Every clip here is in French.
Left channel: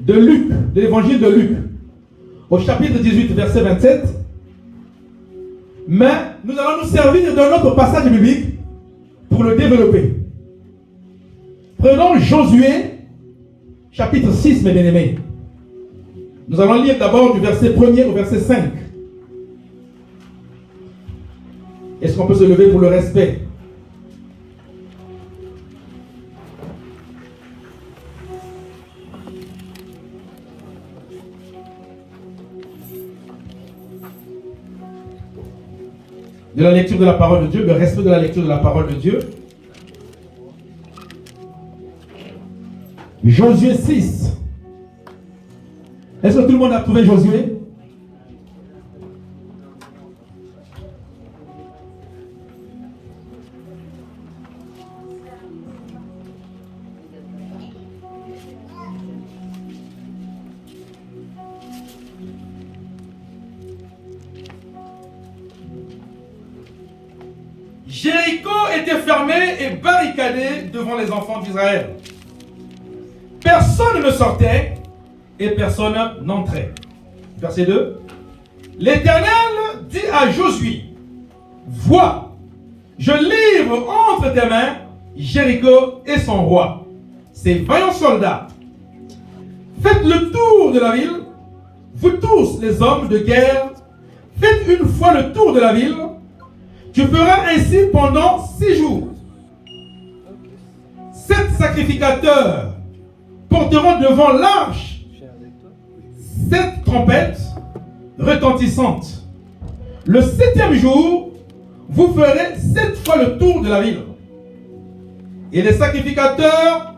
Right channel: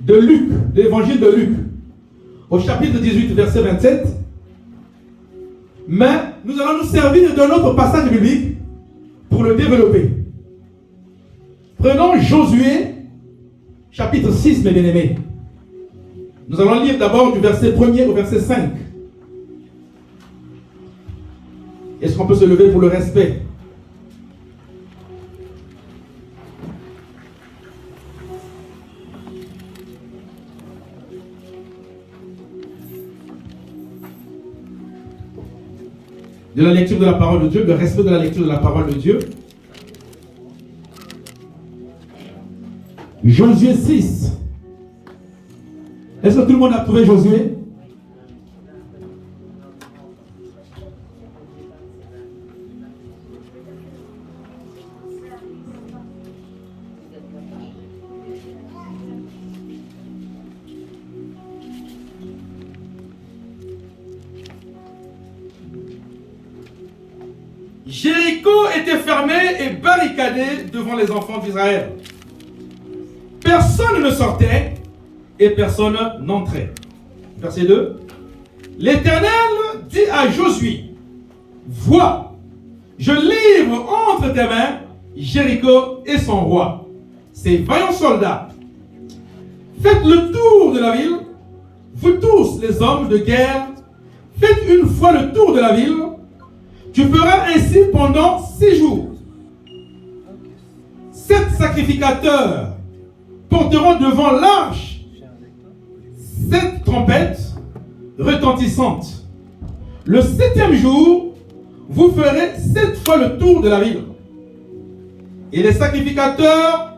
de Luc, de l'évangile de Luc, au chapitre 18, verset 27. Mais nous allons nous servir d'un autre passage biblique pour le développer. Prenons Josué, chapitre 6, mes bien-aimés. Nous allons lire d'abord du verset 1er au verset 5. Est-ce qu'on peut se lever pour le respect? De la lecture de la parole de Dieu, le respect de la lecture de la parole de Dieu. Josué 6. Est-ce que tout le monde a trouvé Josué? Jéricho était fermé et barricadé devant les enfants d'Israël. Personne ne sortait et personne n'entrait. Verset 2. L'Éternel dit à Josué, vois, je livre entre tes mains Jéricho et son roi, ses vaillants soldats. Faites le tour de la ville, vous tous les hommes de guerre, faites une fois le tour de la ville. Tu feras ainsi pendant 6 jours. 7 sacrificateurs porteront devant l'arche 7 trompettes retentissantes. Le 7e jour, vous ferez 7 fois le tour de la ville. Et les sacrificateurs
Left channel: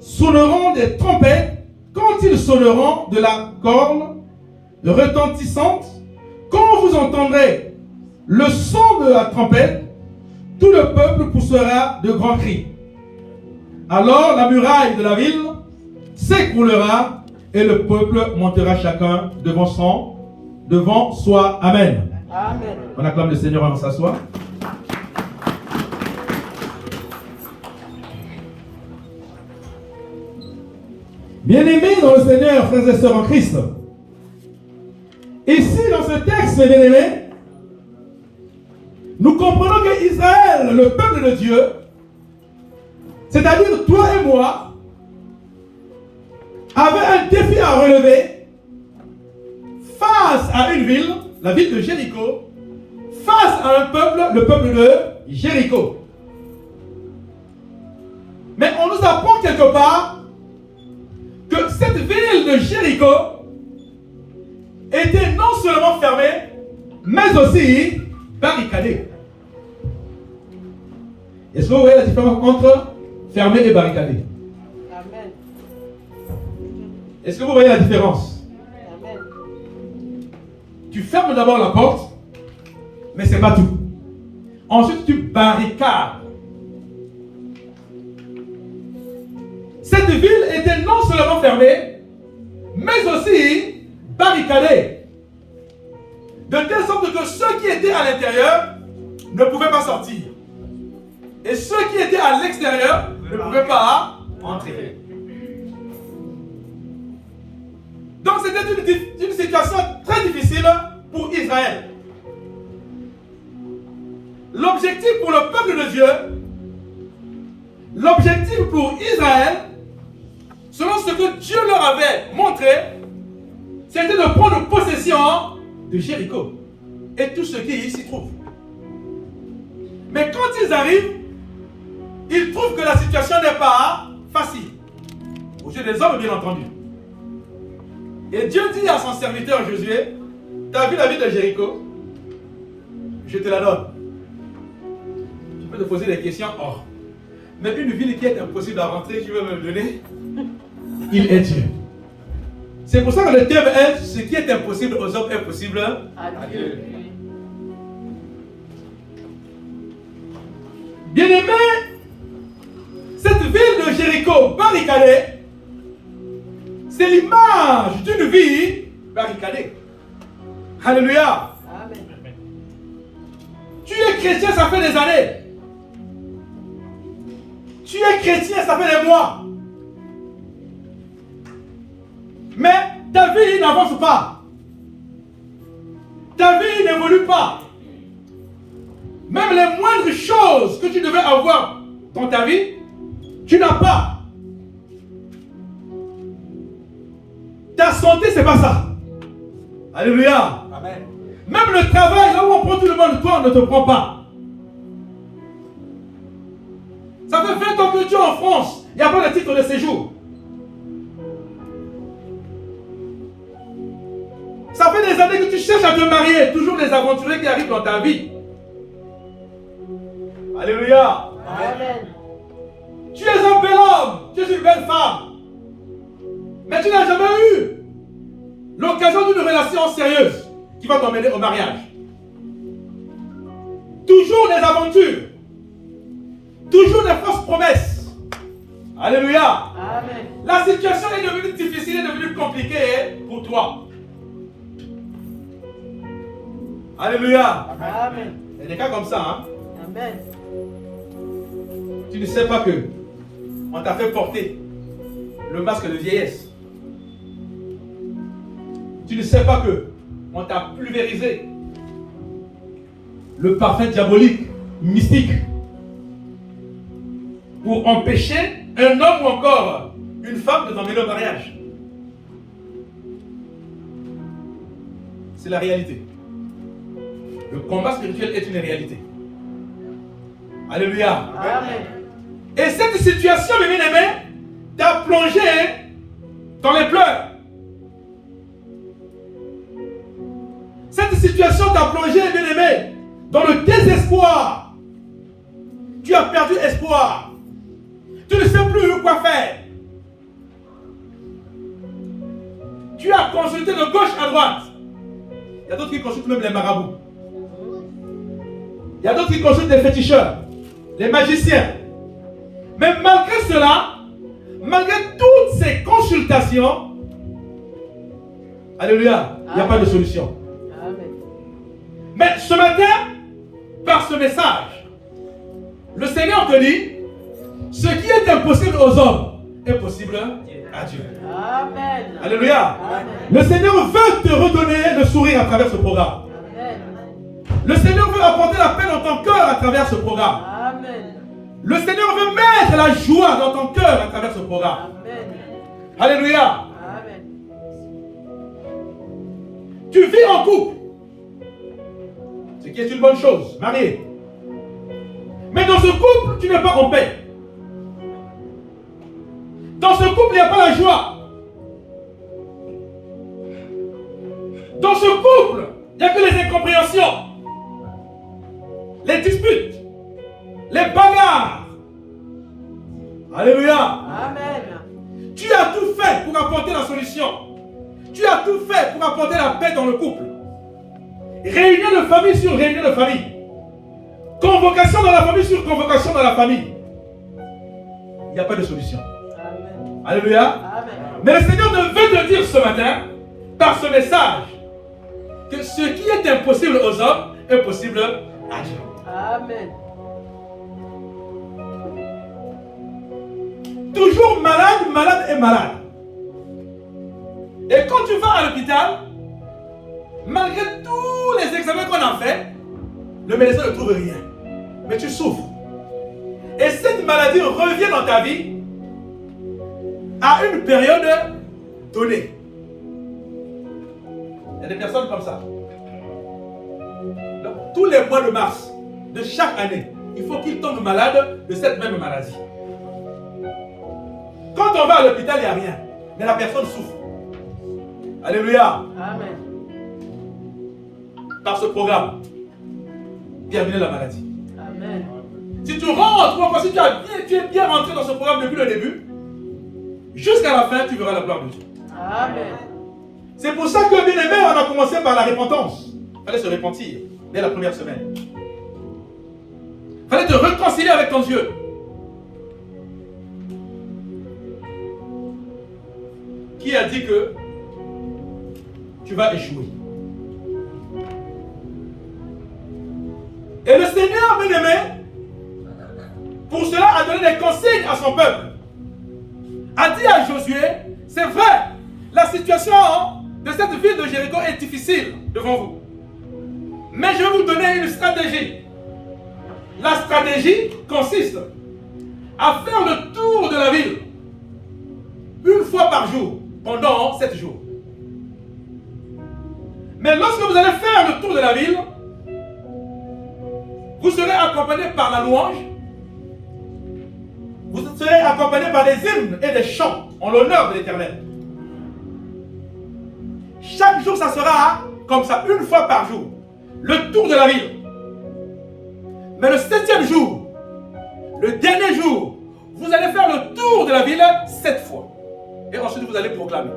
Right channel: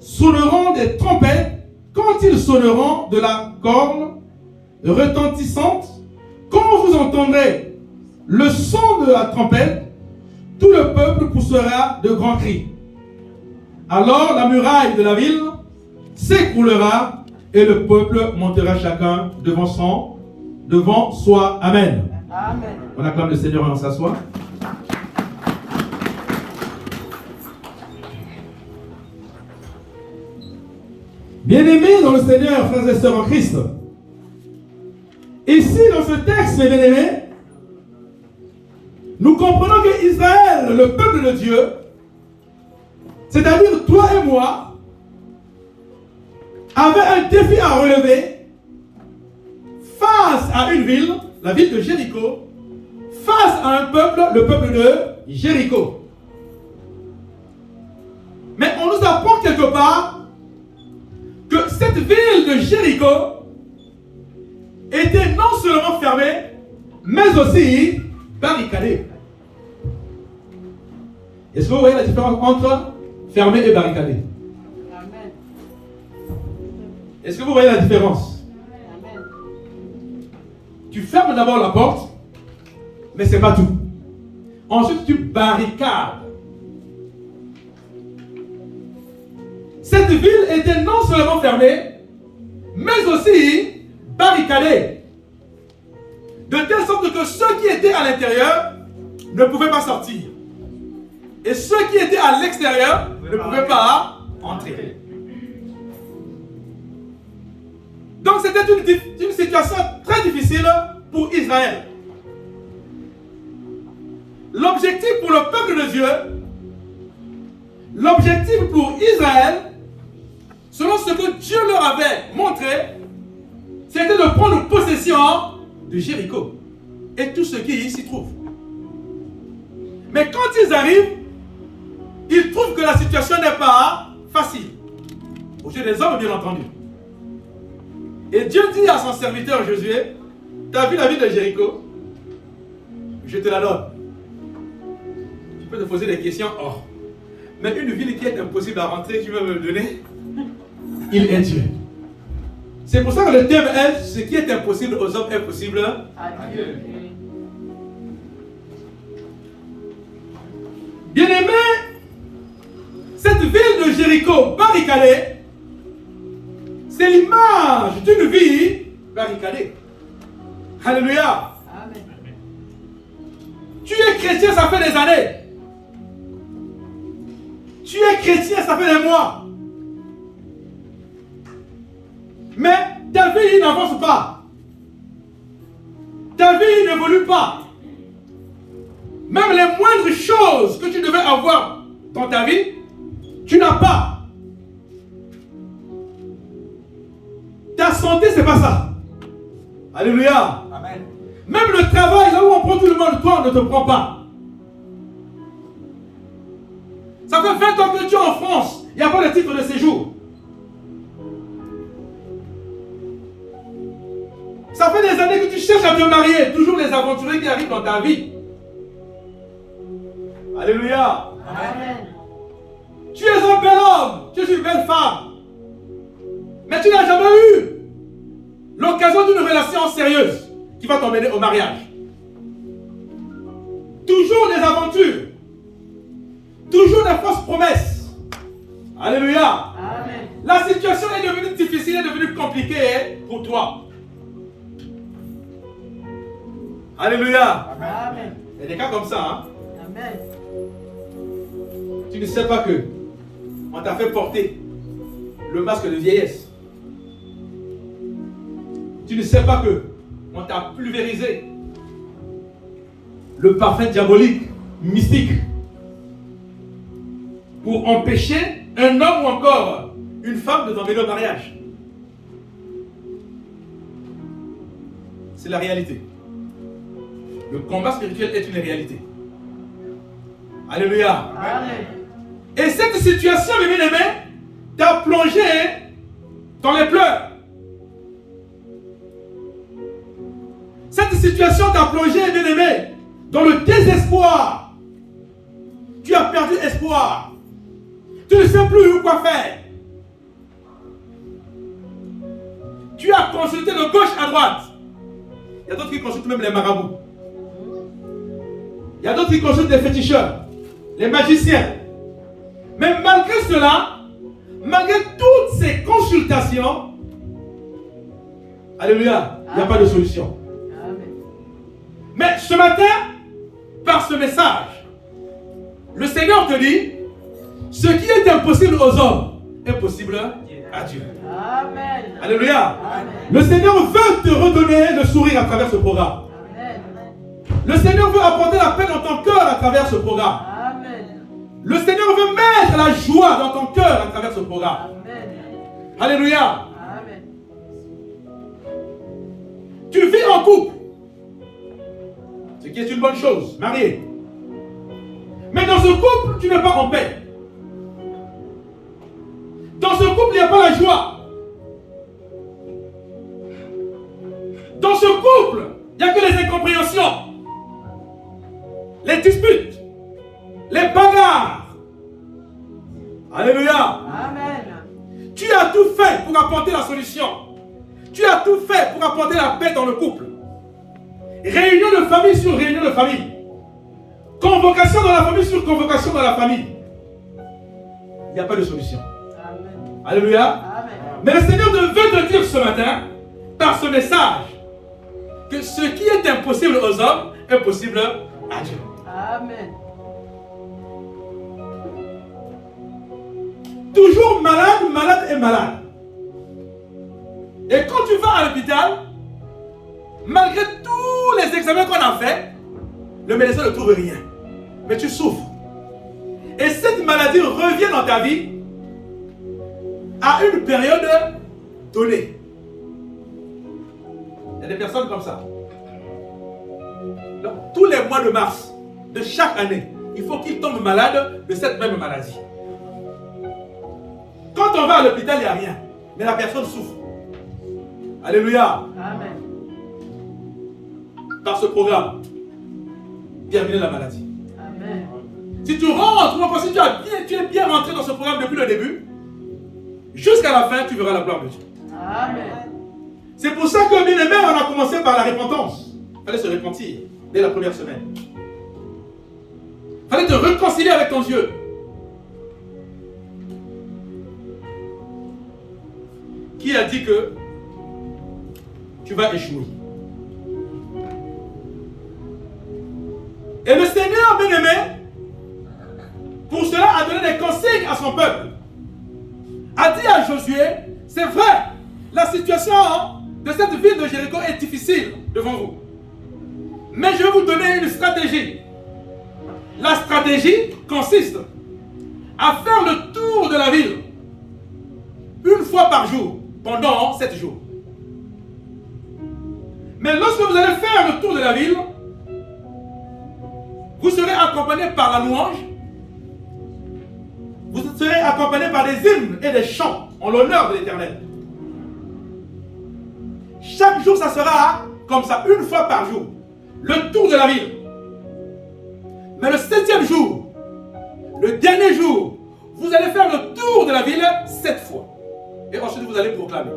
sonneront des trompettes quand ils sonneront de la corne retentissante. Quand vous entendrez le son de la trompette, tout le peuple poussera de grands cris. Alors la muraille de la ville s'écroulera et le peuple montera chacun devant soi. Amen. Amen. On acclame le Seigneur avant s'asseoir. Bien-aimés dans le Seigneur, frères et sœurs en Christ. Ici, dans ce texte, mes bien-aimés, nous comprenons que Israël, le peuple de Dieu, c'est-à-dire toi et moi, avait un défi à relever face à une ville, la ville de Jéricho, face à un peuple, le peuple de Jéricho. Mais on nous apprend quelque part que cette ville de Jéricho était non seulement fermée, mais aussi barricadée. Est-ce que vous voyez la différence entre fermé et barricadé? Amen. Est-ce que vous voyez la différence? Amen. Tu fermes d'abord la porte, mais ce n'est pas tout. Ensuite, tu barricades. Cette ville était non seulement fermée, mais aussi barricadée. De telle sorte que ceux qui étaient à l'intérieur ne pouvaient pas sortir. Et ceux qui étaient à l'extérieur ne pouvaient pas entrer. Donc c'était une situation très difficile pour Israël. L'objectif pour le peuple de Dieu, l'objectif pour Israël, selon ce que Dieu leur avait montré, c'était de prendre possession de Jéricho et tout ce qui s'y trouve. Mais quand ils arrivent, ils trouvent que la situation n'est pas facile. Aux yeux des hommes, bien entendu. Et Dieu dit à son serviteur Josué, tu as vu la ville de Jéricho? Je te la donne. Tu peux te poser des questions. Oh. Mais une ville qui est impossible à rentrer, tu veux me le donner? Il est Dieu. C'est pour ça que le thème est ce qui est impossible aux hommes est possible à Dieu. Bien-aimés, cette ville de Jéricho barricadée, c'est l'image d'une vie barricadée. Alléluia. Amen. Tu es chrétien, ça fait des années. Tu es chrétien, ça fait des mois. Mais ta vie n'avance pas. Ta vie n'évolue pas. Même les moindres choses que tu devais avoir dans ta vie, tu n'as pas. Ta santé, c'est pas ça. Alléluia. Amen. Même le travail, là où on prend tout le monde, toi, on ne te prend pas. Ça fait 20 ans que tu es en France, il n'y a pas de titre de séjour. Ça fait des années que tu cherches à te marier, toujours les aventuriers qui arrivent dans ta vie. Alléluia. Amen. Tu es un bel homme, tu es une belle femme. Mais tu n'as jamais eu l'occasion d'une relation sérieuse qui va t'emmener au mariage. Toujours des aventures. Toujours des fausses promesses. Alléluia. Amen. La situation est devenue difficile, est devenue compliquée pour toi. Alléluia. Amen. Il y a des cas comme ça. Hein? Amen. Tu ne sais pas que on t'a fait porter le masque de vieillesse. Tu ne sais pas que on t'a pulvérisé le parfum diabolique, mystique, pour empêcher un homme ou encore une femme de t'emmener au mariage. C'est la réalité. Le combat spirituel est une réalité. Alléluia. Amen. Et cette situation, mes bien-aimés, t'a plongé dans les pleurs. Cette situation t'a plongé, bien-aimé, dans le désespoir. Tu as perdu espoir. Tu ne sais plus quoi faire. Tu as consulté de gauche à droite. Il y a d'autres qui consultent même les marabouts. Il y a d'autres qui consultent les féticheurs, les magiciens. Mais malgré cela, malgré toutes ces consultations, alléluia, il n'y a pas de solution. Amen. Mais ce matin, par ce message, le Seigneur te dit, ce qui est impossible aux hommes est possible à Dieu. Amen. Alléluia. Amen. Le Seigneur veut te redonner le sourire à travers ce programme. Amen. Le Seigneur veut apporter la paix dans ton cœur à travers ce programme. Amen. Le Seigneur veut mettre la joie dans ton cœur à travers ce programme. Amen. Alléluia. Amen. Tu vis en couple, ce qui est une bonne chose, marié. Mais dans ce couple, tu n'es pas en paix. Dans ce couple, il n'y a pas la joie. Dans ce couple, il n'y a que les incompréhensions, les disputes, les bagarres. Alléluia. Amen. Tu as tout fait pour apporter la solution. Tu as tout fait pour apporter la paix dans le couple. Réunion de famille sur réunion de famille. Convocation dans la famille sur convocation dans la famille. Il n'y a pas de solution. Amen. Alléluia. Amen. Mais le Seigneur veut te dire ce matin, par ce message, que ce qui est impossible aux hommes est possible à Dieu. Amen. Toujours malade, malade et malade. Et quand tu vas à l'hôpital, malgré tous les examens qu'on a fait, le médecin ne trouve rien. Mais tu souffres. Et cette maladie revient dans ta vie à une période donnée. Il y a des personnes comme ça. Donc, tous les mois de mars de chaque année, il faut qu'ils tombent malades de cette même maladie. Quand on va à l'hôpital, il n'y a rien. Mais la personne souffre. Alléluia. Amen. Par ce programme, bienvenue la maladie. Amen. Si tu rentres, si tu es bien rentré dans ce programme depuis le début, jusqu'à la fin, tu verras la gloire de Dieu. Amen. C'est pour ça que, bien aimé, on a commencé par la repentance. Il fallait se repentir dès la première semaine. Il fallait te réconcilier avec ton Dieu. Qui a dit que tu vas échouer? Et le Seigneur, bien aimé, pour cela a donné des consignes à son peuple. A dit à Josué, c'est vrai, La situation de cette ville de Jéricho est difficile devant vous. Mais je vais vous donner une stratégie. La stratégie consiste à faire le tour de la ville une fois par jour pendant 7 jours. Mais lorsque vous allez faire le tour de la ville, vous serez accompagné par la louange, vous serez accompagné par des hymnes et des chants en l'honneur de l'Éternel. Chaque jour, ça sera comme ça, une fois par jour, le tour de la ville. Mais le 7e jour, le dernier jour, vous allez faire le tour de la ville 7 fois. Et ensuite, vous allez proclamer.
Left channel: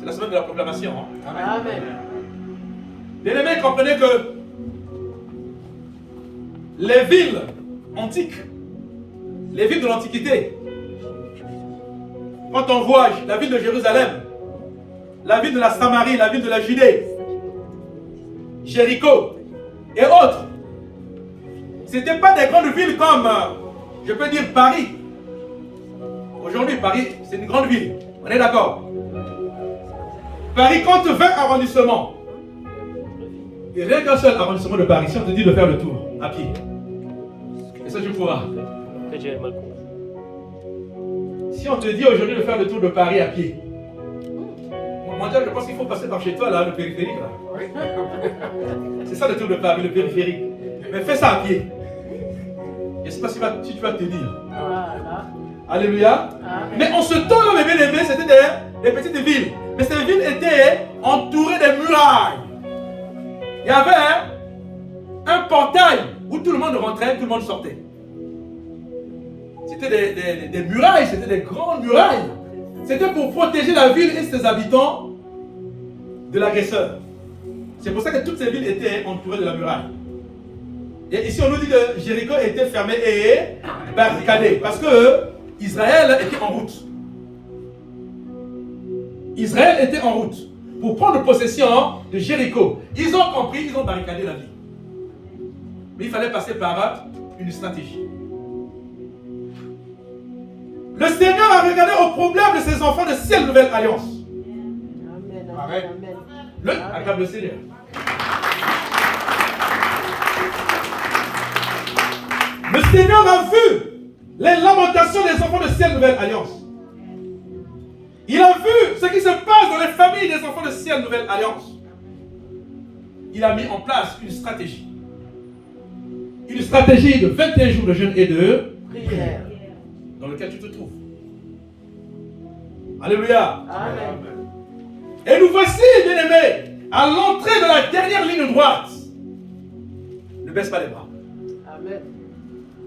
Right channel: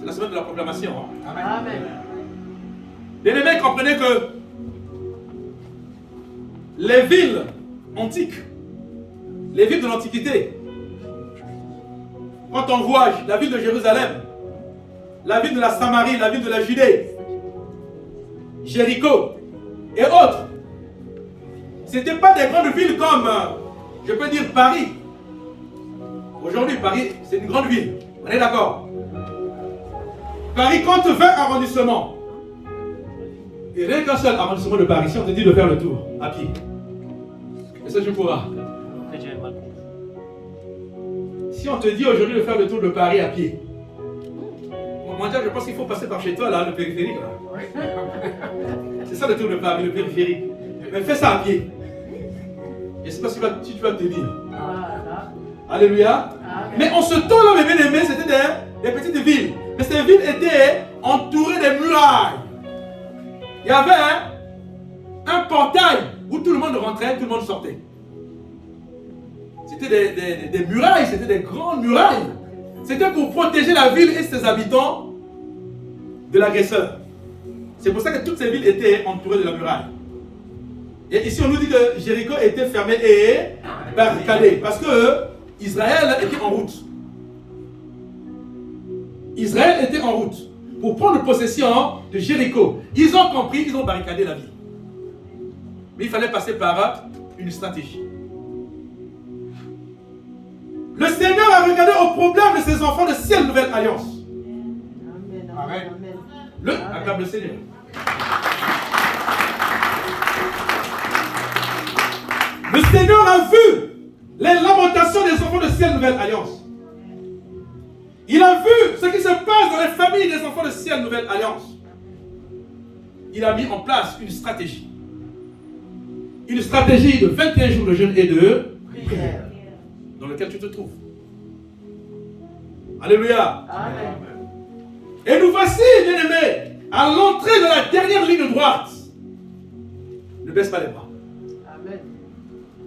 C'est la semaine de la proclamation. Amen. Bien-aimés, comprenez que les villes antiques, les villes de l'Antiquité, quand on voit la ville de Jérusalem, la ville de la Samarie, la ville de la Judée, Jéricho et autres, ce n'étaient pas des grandes villes comme, je peux dire, Paris. Aujourd'hui, Paris, c'est une grande ville. On est d'accord? Paris compte 20 arrondissements. Et rien qu'un seul arrondissement de Paris, si on te dit de faire le tour à pied, est-ce que tu pourras? Si on te dit aujourd'hui de faire le tour de Paris à pied, moi je pense qu'il faut passer par chez toi, là, le périphérique. Là. C'est ça le tour de Paris, le périphérique. Mais fais ça à pied. Je ne sais pas si tu vas te dire. Alléluia. Mais en ce temps-là, mes bien-aimés, c'était des petites villes. Mais ces villes étaient entourées de murailles. Il y avait un portail où tout le monde rentrait, tout le monde sortait. C'était des murailles, c'était des grandes murailles. C'était pour protéger la ville et ses habitants de l'agresseur. C'est pour ça que toutes ces villes étaient entourées de la muraille. Et ici, on nous dit que Jéricho était fermé et barricadé. Parce que Israël était en route. Israël était en route pour prendre possession de Jéricho. Ils ont compris, ils ont barricadé la ville. Mais il fallait passer par une stratégie. Le Seigneur a regardé au problème de ses enfants de cette nouvelle alliance. Amen. Acclame le Seigneur. Le Seigneur a vu les lamentations des enfants de cette nouvelle alliance. Il a vu ce qui se passe dans les familles des enfants de cette nouvelle alliance. Il a mis en place une stratégie. Une stratégie de 21 jours de jeûne et de prière dans lequel tu te trouves. Alléluia. Amen. Et nous voici, bien-aimés, à l'entrée de la dernière ligne droite. Ne baisse pas les bras. Amen.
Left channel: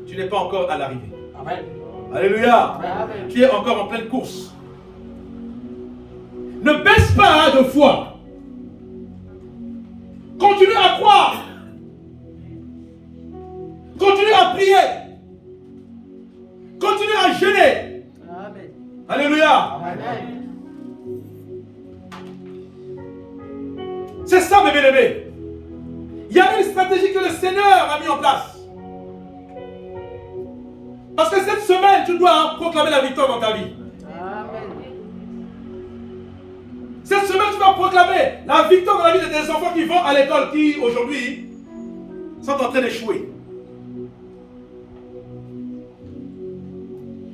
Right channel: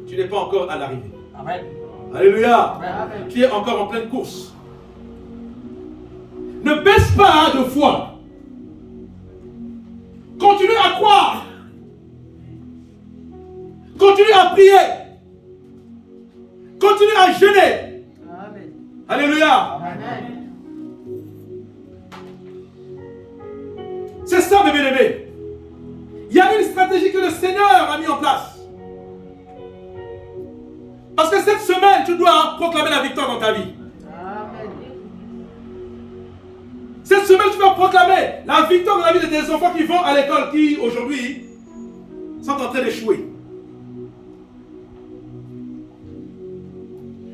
Tu n'es pas encore à l'arrivée. Amen. Alléluia. Amen. Tu es encore en pleine course. Ne baisse pas de foi. Continue à croire. Continue à prier. Continue à jeûner. Amen. Alléluia. Amen. C'est ça, mes bien-aimés. Il y a une stratégie que le Seigneur a mis en place. Parce que cette semaine, tu dois proclamer la victoire dans ta vie. Amen. Cette semaine, tu vas proclamer la victoire dans la vie de tes enfants qui vont à l'école, qui aujourd'hui sont en train d'échouer.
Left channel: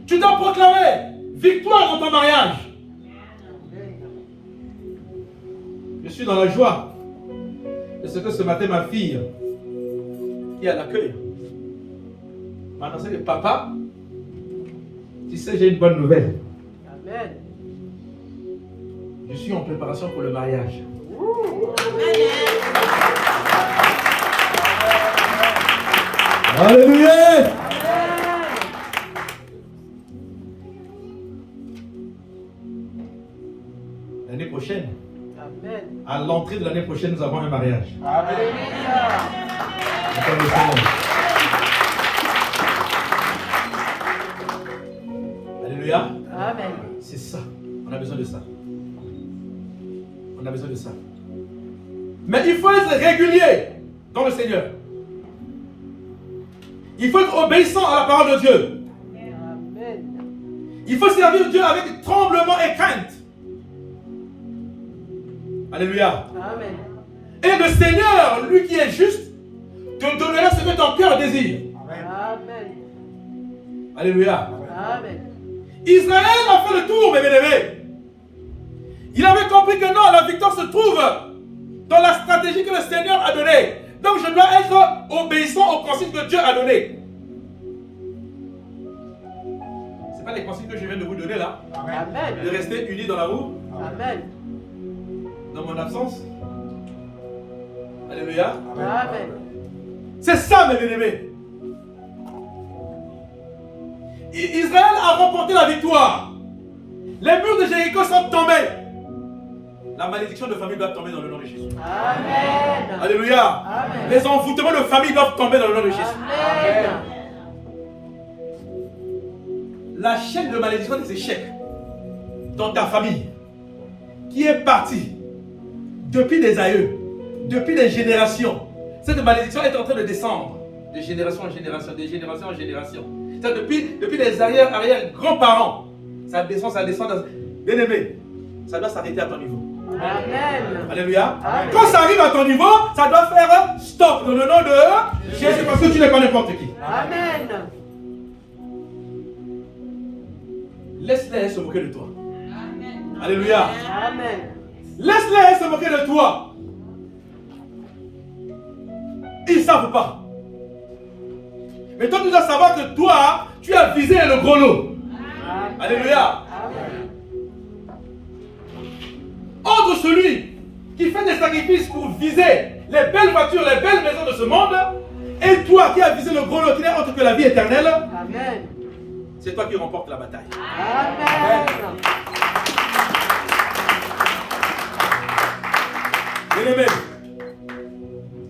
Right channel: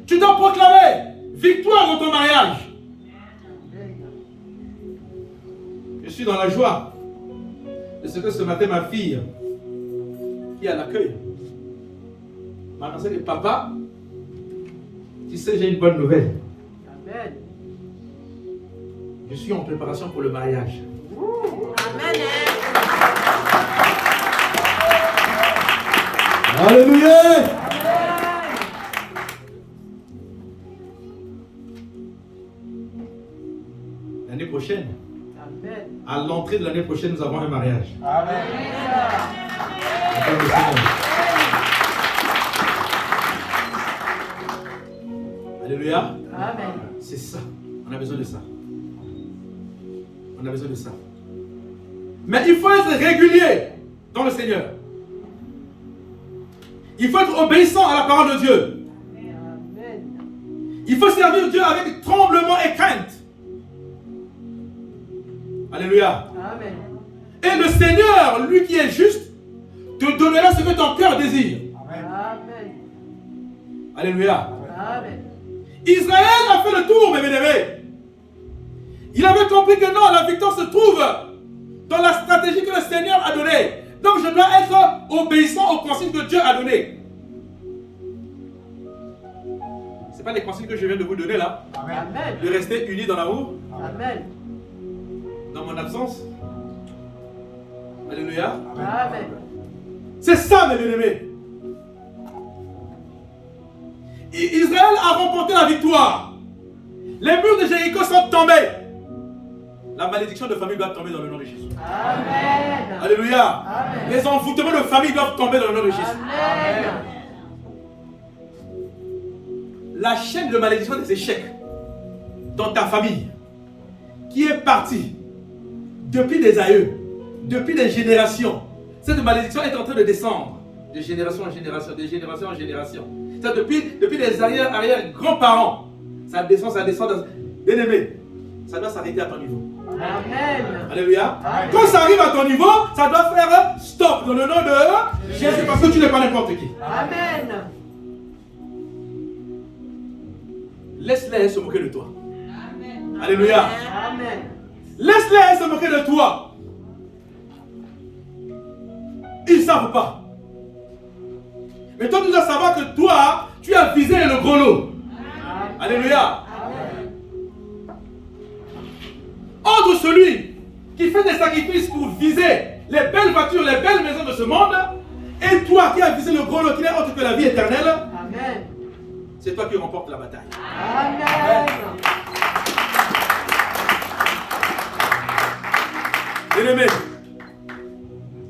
Tu dois proclamer victoire dans ton mariage. Je suis dans la joie de ce que ce matin, ma fille, qui est à l'accueil, m'a annoncé que papa, tu sais, j'ai une bonne nouvelle. Amen. Je suis en préparation pour le mariage. Amen. Alléluia. L'année prochaine, amen. À l'entrée de l'année prochaine, nous avons un mariage. Amen. Alléluia. Amen. C'est ça. On a besoin de ça. On a besoin de ça. Mais il faut être régulier dans le Seigneur. Il faut être obéissant à la parole de Dieu. Amen. Il faut servir Dieu avec tremblement et crainte. Alléluia. Amen. Et le Seigneur, lui qui est juste, te donnera ce que ton cœur désire. Amen. Alléluia. Amen. Israël a fait le tour, mes bien-aimés. Il avait compris que non, la victoire se trouve dans la stratégie que le Seigneur a donnée. Donc je dois être obéissant aux consignes que Dieu a données. Ce n'est pas les consignes que je viens de vous donner là. Amen. De rester unis dans l'amour, Amen. dans mon absence. Alléluia. Amen. C'est ça, mes bien-aimés. Israël a remporté la victoire. Les murs de Jéricho sont tombés. La malédiction de famille doit tomber dans le nom de Jésus. Amen. Alléluia. Amen. Les envoûtements de famille doivent tomber dans le nom de Jésus. Amen. La chaîne de malédiction des échecs dans ta famille qui est partie depuis des aïeux, depuis des générations, cette malédiction est en train de descendre de génération en génération, de génération en génération. Ça, depuis les arrière-grands-parents, ça descend. Bien-aimé, ça doit s'arrêter à ton niveau. Amen. Alléluia. Amen. Quand ça arrive à ton niveau, ça doit faire stop dans le nom de Jésus parce que tu n'es pas n'importe qui. Amen. Laisse-les se moquer de toi. Alléluia. Amen. Laisse-les se moquer de toi. Ils ne savent pas. Mais toi, tu dois savoir que toi, tu as visé le gros lot. Alléluia. Entre celui qui fait des sacrifices pour viser les belles voitures, les belles maisons de ce monde, et toi qui as visé le gros lot qui n'est autre que la vie éternelle, Amen. c'est toi qui remportes la bataille. Amen. Bien-aimé,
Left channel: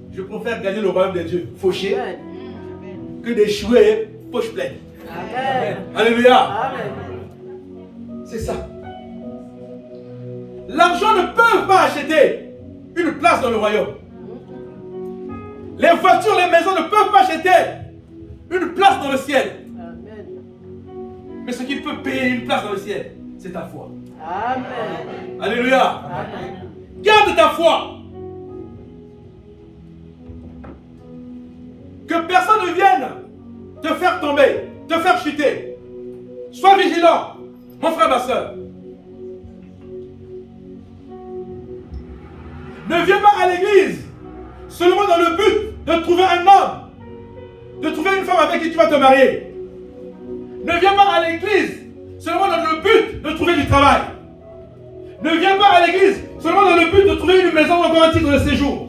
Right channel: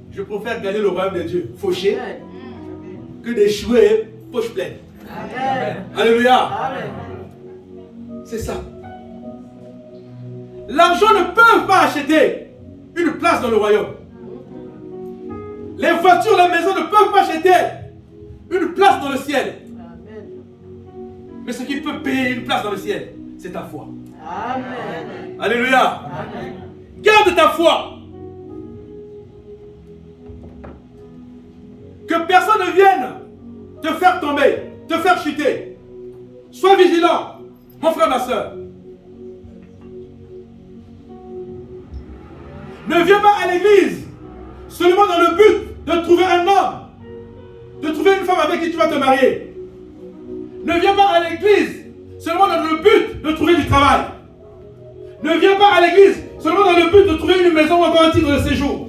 je préfère gagner le royaume de Dieu fauché que d'échouer poche pleine. Amen. Alléluia. Amen. C'est ça. L'argent ne peut pas acheter une place dans le royaume. Les voitures, les maisons ne peuvent pas acheter une place dans le ciel. Amen. Mais ce qui peut payer une place dans le ciel, c'est ta foi. Amen. Alléluia. Amen. Garde ta foi. Que personne ne vienne te faire tomber, te faire chuter. Sois vigilant, mon frère, ma soeur. Ne viens pas à l'église seulement dans le but de trouver un homme, de trouver une femme avec qui tu vas te marier. Ne viens pas à l'église seulement dans le but de trouver du travail. Ne viens pas à l'église seulement dans le but de trouver une maison ou un titre de séjour.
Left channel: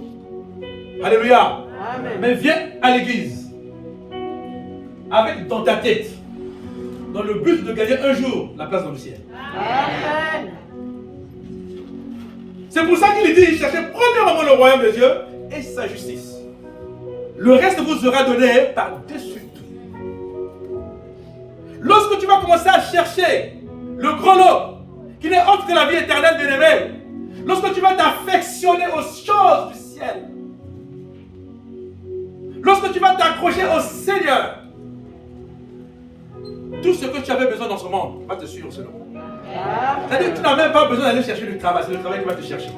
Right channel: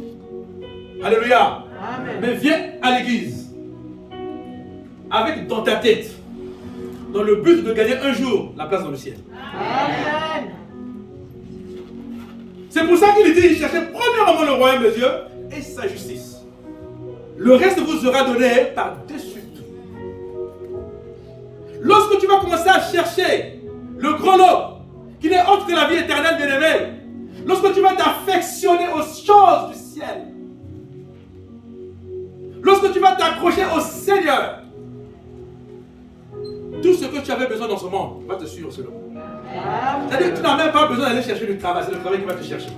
Alléluia. Amen. Mais viens à l'église avec dans ta tête, dans le but de gagner un jour la place dans le ciel. Amen. C'est pour ça qu'il dit, cherchez premièrement le royaume de Dieu et sa justice. Le reste vous sera donné par-dessus tout. Lorsque tu vas commencer à chercher le gros lot, qui n'est autre que la vie éternelle bien-aimée, lorsque tu vas t'affectionner aux choses du ciel, lorsque tu vas t'accrocher au Seigneur, tout ce que tu avais besoin dans ce monde va te suivre selon. C'est-à-dire que tu n'as même pas besoin d'aller chercher du travail, c'est le travail qui va te chercher.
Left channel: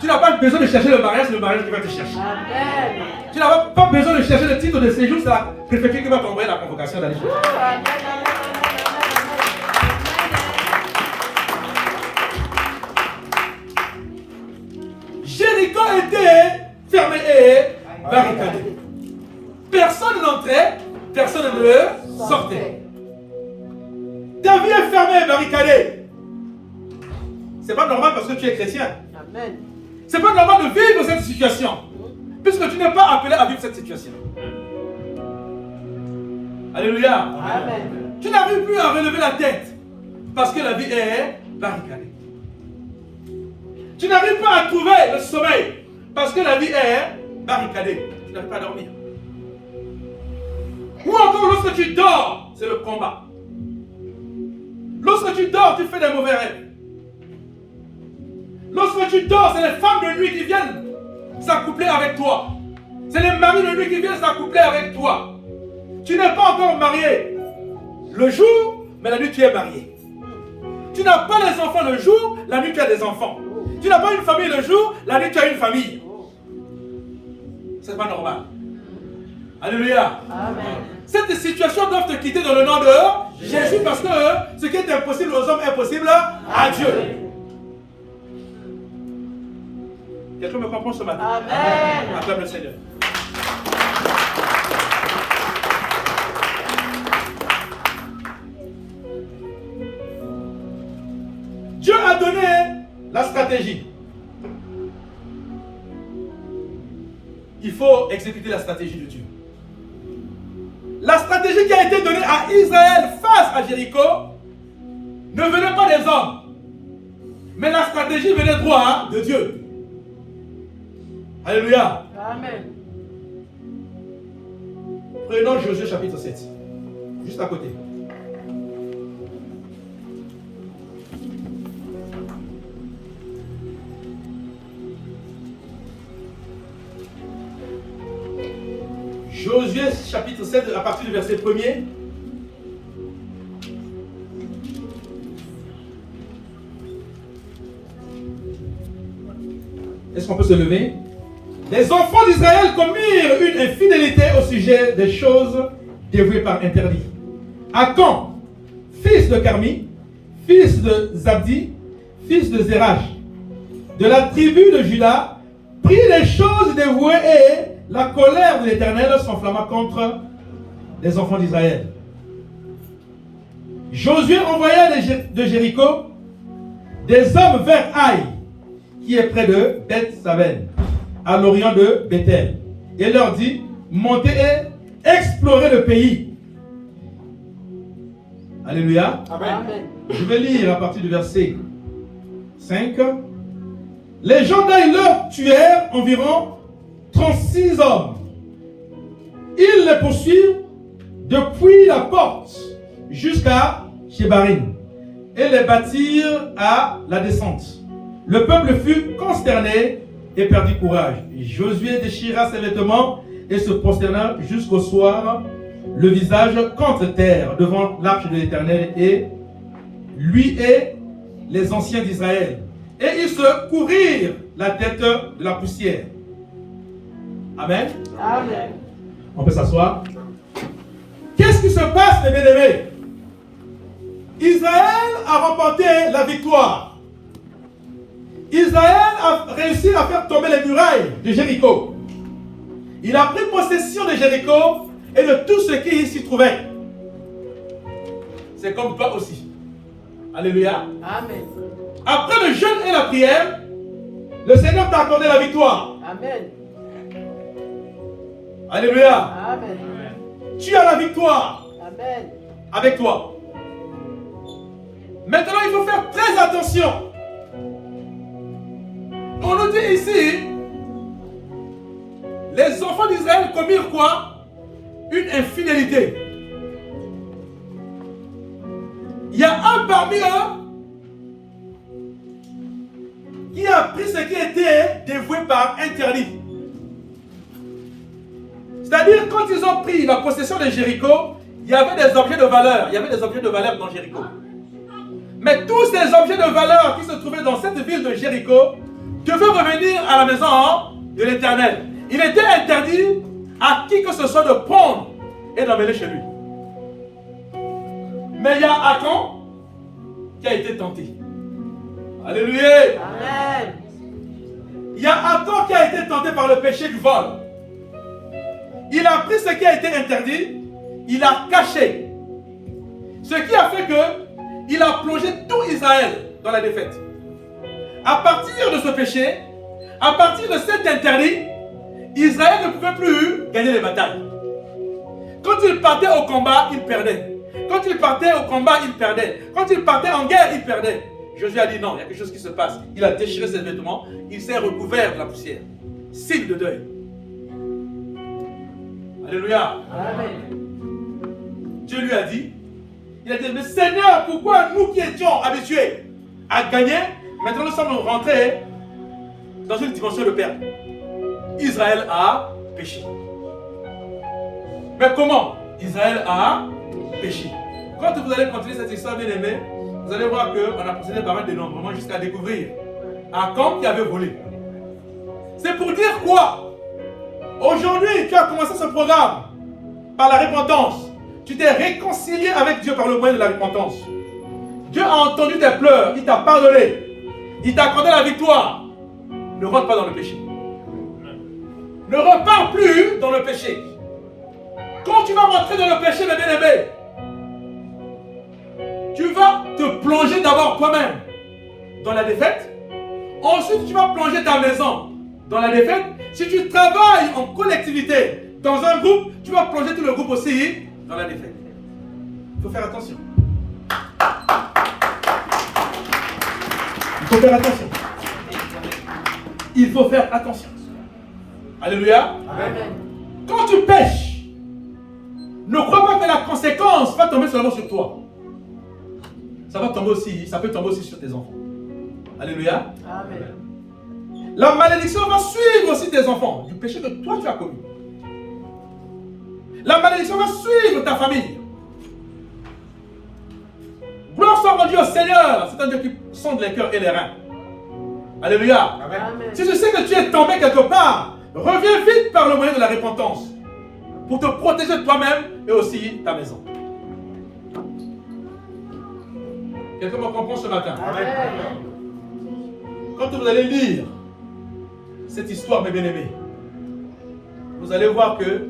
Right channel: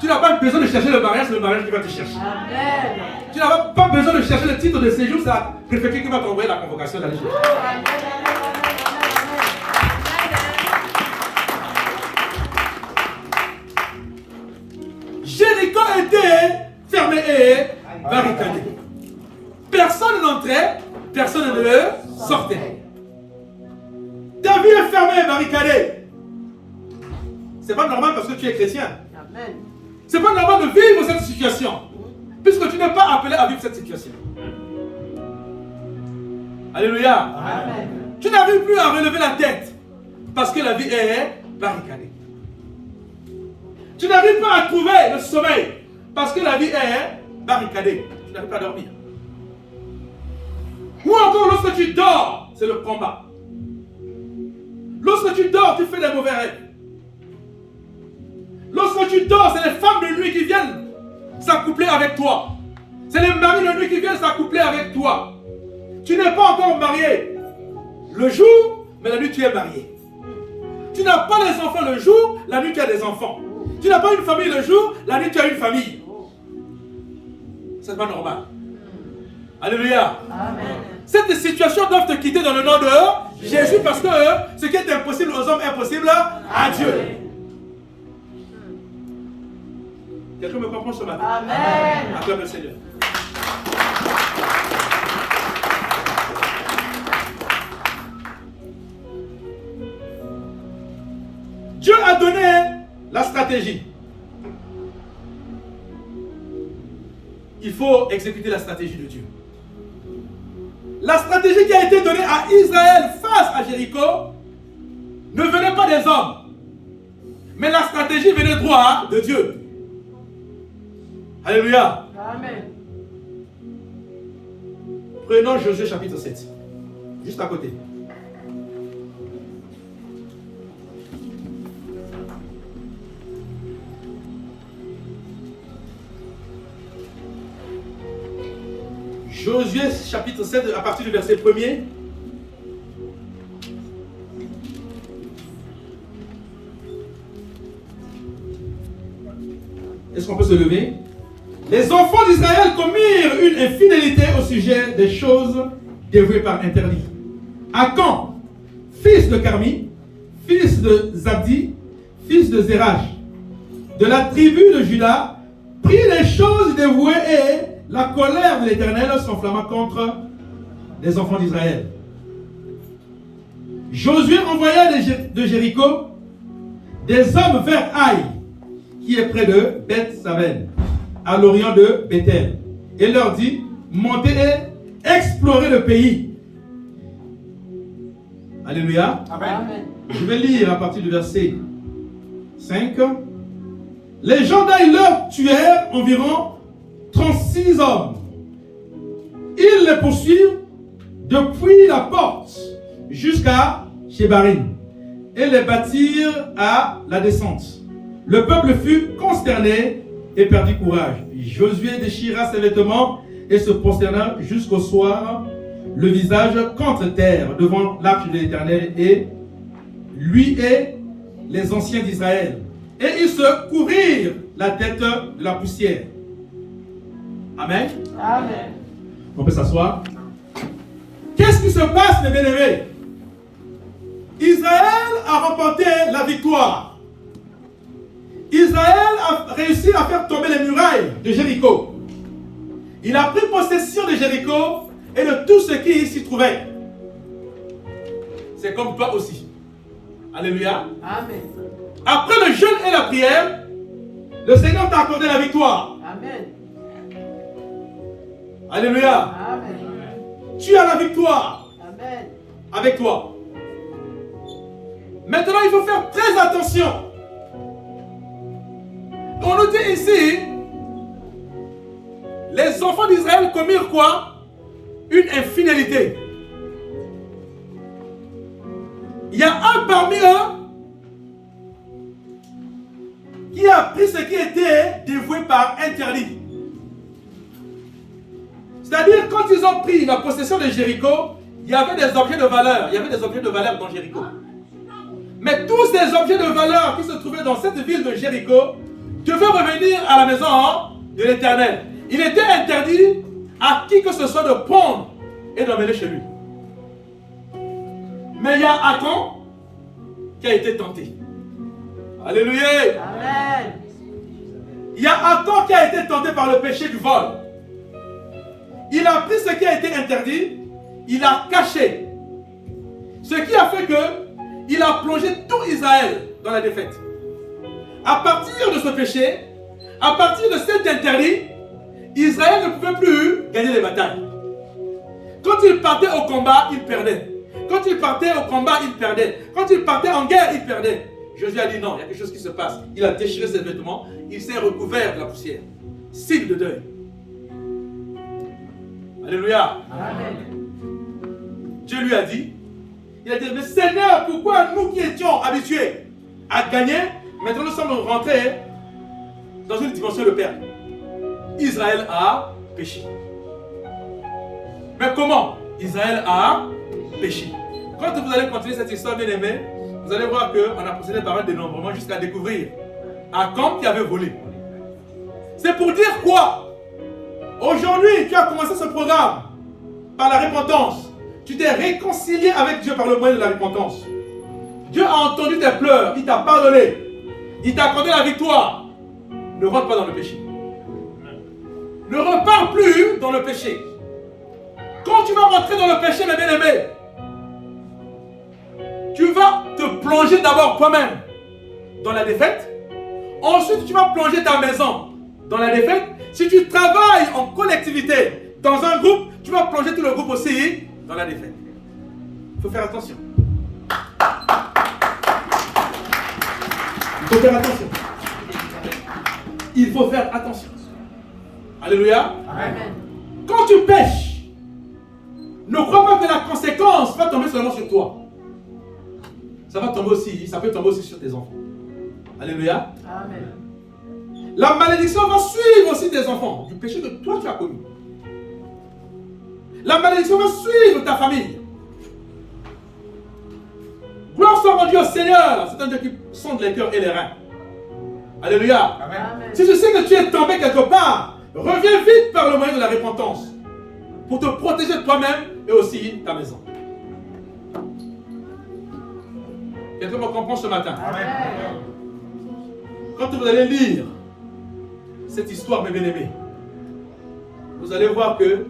Tu n'as pas besoin de chercher le mariage, c'est le mariage qui va te chercher. Amen. Tu n'as pas besoin de chercher le titre de séjour, c'est la préfecture qui va t'envoyer la convocation d'aller chercher. Jéricho était fermé et barricadé. Personne n'entrait, personne ne sortait. Ta vie est fermée et barricadée. C'est pas normal parce que tu es chrétien. Amen. C'est pas normal de vivre cette situation. Puisque tu n'es pas appelé à vivre cette situation. Alléluia. Amen. Tu n'arrives plus à relever la tête. Parce que la vie est barricadée. Tu n'arrives pas à trouver le sommeil. Parce que la vie est barricadée. Tu n'arrives pas à dormir. Ou encore lorsque tu dors, c'est le combat. Lorsque tu dors, tu fais des mauvais rêves. Lorsque tu dors, c'est les femmes de nuit qui viennent s'accoupler avec toi. C'est les maris de nuit qui viennent s'accoupler avec toi. Tu n'es pas encore marié le jour, mais la nuit tu es marié. Tu n'as pas les enfants le jour, la nuit tu as des enfants. Tu n'as pas une famille le jour, la nuit tu as une famille. C'est pas normal. Alléluia. Amen. Cette situation doit te quitter dans le nom de Jésus parce que ce qui est impossible aux hommes est possible à Dieu. Quelqu'un me comprend ce matin? Amen. Acclame le Seigneur. Dieu a donné la stratégie. Il faut exécuter la stratégie de Dieu. La stratégie qui a été donnée à Israël face à Jéricho ne venait pas des hommes, mais la stratégie venait droit de Dieu. Alléluia. Amen. Prenons Josué chapitre 7, juste à côté. Josué chapitre 7 à partir du verset 1er. Est-ce qu'on peut se lever? Les enfants d'Israël commirent une infidélité au sujet des choses dévouées par interdit. Akan, fils de Carmi, fils de Zabdi, fils de Zérach, de la tribu de Juda, prit les choses dévouées et la colère de l'Éternel s'enflamma contre les enfants d'Israël. Josué envoya de Jéricho des hommes vers Haï, qui est près de Beth-Saven, à l'orient de Bethel, et leur dit: montez et explorez le pays. Alléluia. Amen. Je vais lire à partir du verset 5. Les gens d'Aï leur tuèrent environ 36 hommes. Ils les poursuivent depuis la porte jusqu'à Shebarim et les battirent à la descente. Le peuple fut consterné et perdit courage. Josué déchira ses vêtements et se prosterna jusqu'au soir, le visage contre terre devant l'arche de l'Éternel, et lui et les anciens d'Israël. Et ils se couvrirent la tête de la poussière. Amen. Amen. On peut s'asseoir. Qu'est-ce qui se passe, mes bien-aimés? Israël a remporté la victoire. Israël a réussi à faire tomber les murailles de Jéricho. Il a pris possession de Jéricho et de tout ce qui s'y trouvait. C'est comme toi aussi. Alléluia. Amen. Après le jeûne et la prière, le Seigneur t'a accordé la victoire. Amen. Alléluia. Amen. Tu as la victoire Amen. avec toi. Maintenant, il faut faire très attention. On nous dit ici, les enfants d'Israël commirent quoi? Une infidélité. Il y a un parmi eux qui a pris ce qui était dévoué par interdit. C'est-à-dire, quand ils ont pris la possession de Jéricho, il y avait des objets de valeur. Il y avait des objets de valeur dans Jéricho. Mais tous ces objets de valeur qui se trouvaient dans cette ville de Jéricho devaient revenir à la maison de l'Éternel. Il était interdit à qui que ce soit de prendre et d'emmener chez lui. Mais il y a Akan qui a été tenté. Alléluia. Amen. Il y a Akan qui a été tenté par le péché du vol. Il a pris ce qui a été interdit, il a caché. Ce qui a fait que il a plongé tout Israël dans la défaite. À partir de ce péché, à partir de cet interdit, Israël ne pouvait plus gagner les batailles. Quand il partait au combat, il perdait. Quand il partait au combat, il perdait. Quand il partait en guerre, il perdait. Josué a dit non, il y a quelque chose qui se passe. Il a déchiré ses vêtements, il s'est recouvert de la poussière. Signe de deuil. Alléluia. Amen. Dieu lui a dit, il a dit, mais Seigneur, pourquoi nous qui étions habitués à gagner, maintenant nous sommes rentrés dans une dimension de perte? Israël a péché. Mais comment? Israël a péché. Quand vous allez continuer cette histoire, bien aimé, vous allez voir qu'on a procédé par un dénombrement jusqu'à découvrir Akab qui avait volé. C'est pour dire quoi? Aujourd'hui, tu as commencé ce programme par la repentance. Tu t'es réconcilié avec Dieu par le moyen de la repentance. Dieu a entendu tes pleurs, il t'a pardonné, il t'a accordé la victoire. Ne rentre pas dans le péché. Ne repars plus dans le péché. Quand tu vas rentrer dans le péché, mes bien-aimés, tu vas te plonger d'abord toi-même dans la défaite. Ensuite, tu vas plonger ta maison dans la défaite. Si tu travailles en collectivité, dans un groupe, tu vas plonger tout le groupe aussi dans la défaite. Il faut faire attention. Il faut faire attention. Il faut faire attention. Alléluia. Amen. Quand tu pêches, ne crois pas que la conséquence va tomber seulement sur toi. Ça va tomber aussi, ça peut tomber aussi sur tes enfants. Alléluia. Amen. La malédiction va suivre aussi tes enfants du péché que toi tu as commis. La malédiction va suivre ta famille. Gloire soit rendue au Seigneur. C'est un Dieu qui sonde les cœurs et les reins. Alléluia. Amen. Si tu sais que tu es tombé quelque part, reviens vite par le moyen de la repentance pour te protéger toi-même et aussi ta maison. Quelqu'un me comprend ce matin? Amen. Quand vous allez lire cette histoire, mes bien-aimés, vous allez voir que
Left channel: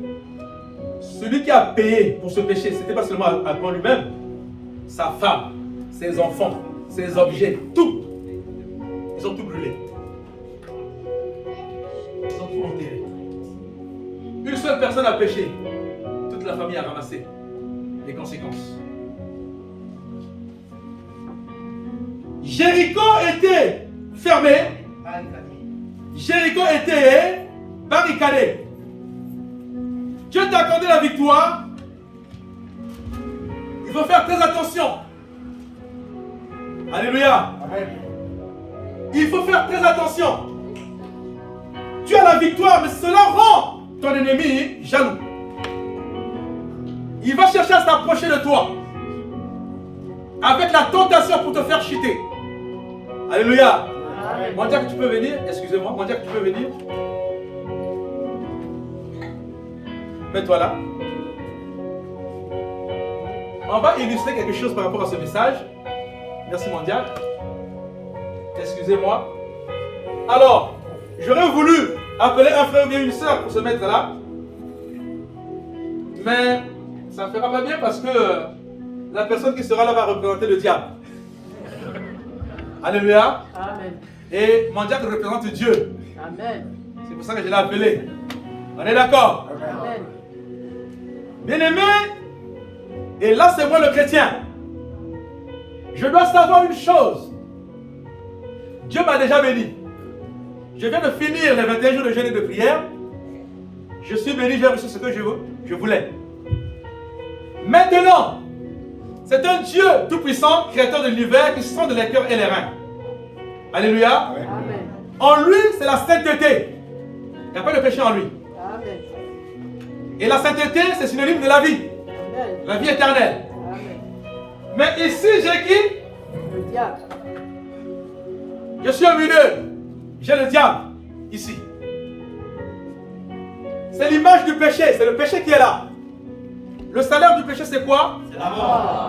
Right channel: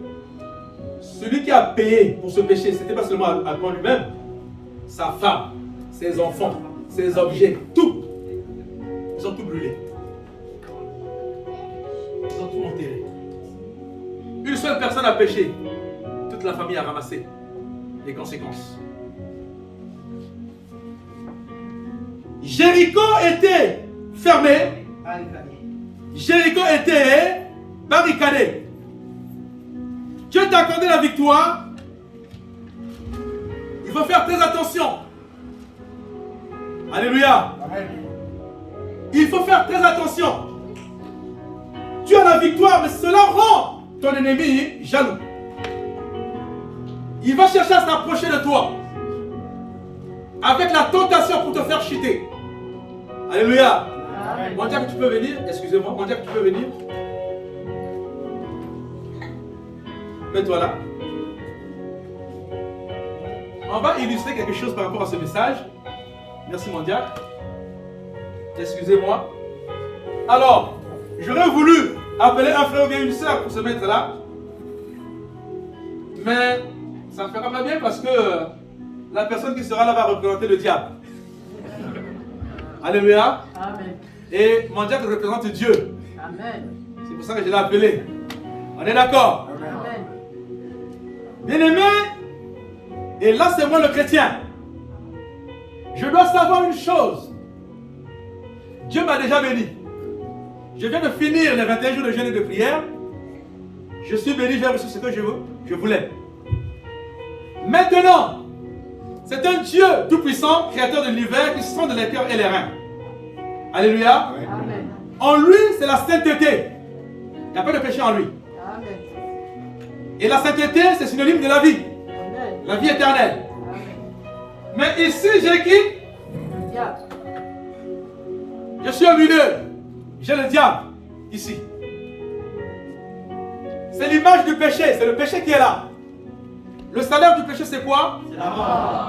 celui qui a payé pour ce péché, ce n'était pas seulement Akab lui-même, sa femme, ses enfants, ses objets, tout. Ils ont tout brûlé. Ils ont tout enterré. Une seule personne a péché. Toute la famille a ramassé les conséquences. Jéricho était fermé. Jéricho était barricadé. Dieu t'a accordé la victoire. Il faut faire très attention. Alléluia. Amen. Il faut faire très attention. Tu as la victoire, mais cela rend ton ennemi jaloux. Il va chercher à s'approcher de toi avec la tentation pour te faire chuter. Alléluia. Mondiac, tu peux venir? Excusez-moi, Mondiac, tu peux venir? Mets-toi là. On va illustrer quelque chose par rapport à ce message. Merci, Mondiac. Excusez-moi. Alors, j'aurais voulu appeler un frère ou bien une soeur pour se mettre là. Mais ça ne fera pas bien parce que la personne qui sera là va représenter le diable. Alléluia. Amen. Et mon diable représente Dieu. Amen. C'est pour ça que je l'ai appelé. On est d'accord? Amen. Bien-aimé, et là c'est moi le chrétien. Je dois savoir une chose. Dieu m'a déjà béni. Je viens de finir les 21 jours de jeûne et de prière. Je suis béni, j'ai reçu ce que je voulais. Maintenant, c'est un Dieu tout-puissant, créateur de l'univers, qui sonde les cœurs et les reins. Alléluia. Amen. En lui, c'est la sainteté. Il n'y a pas de péché en lui. Amen. Et la sainteté, c'est synonyme de la vie. Amen. La vie éternelle. Amen. Mais ici, j'ai qui? Le diable. Je suis un milieu. J'ai le diable. Ici. C'est l'image du péché. C'est le péché qui est là. Le salaire du péché, c'est quoi? C'est la mort.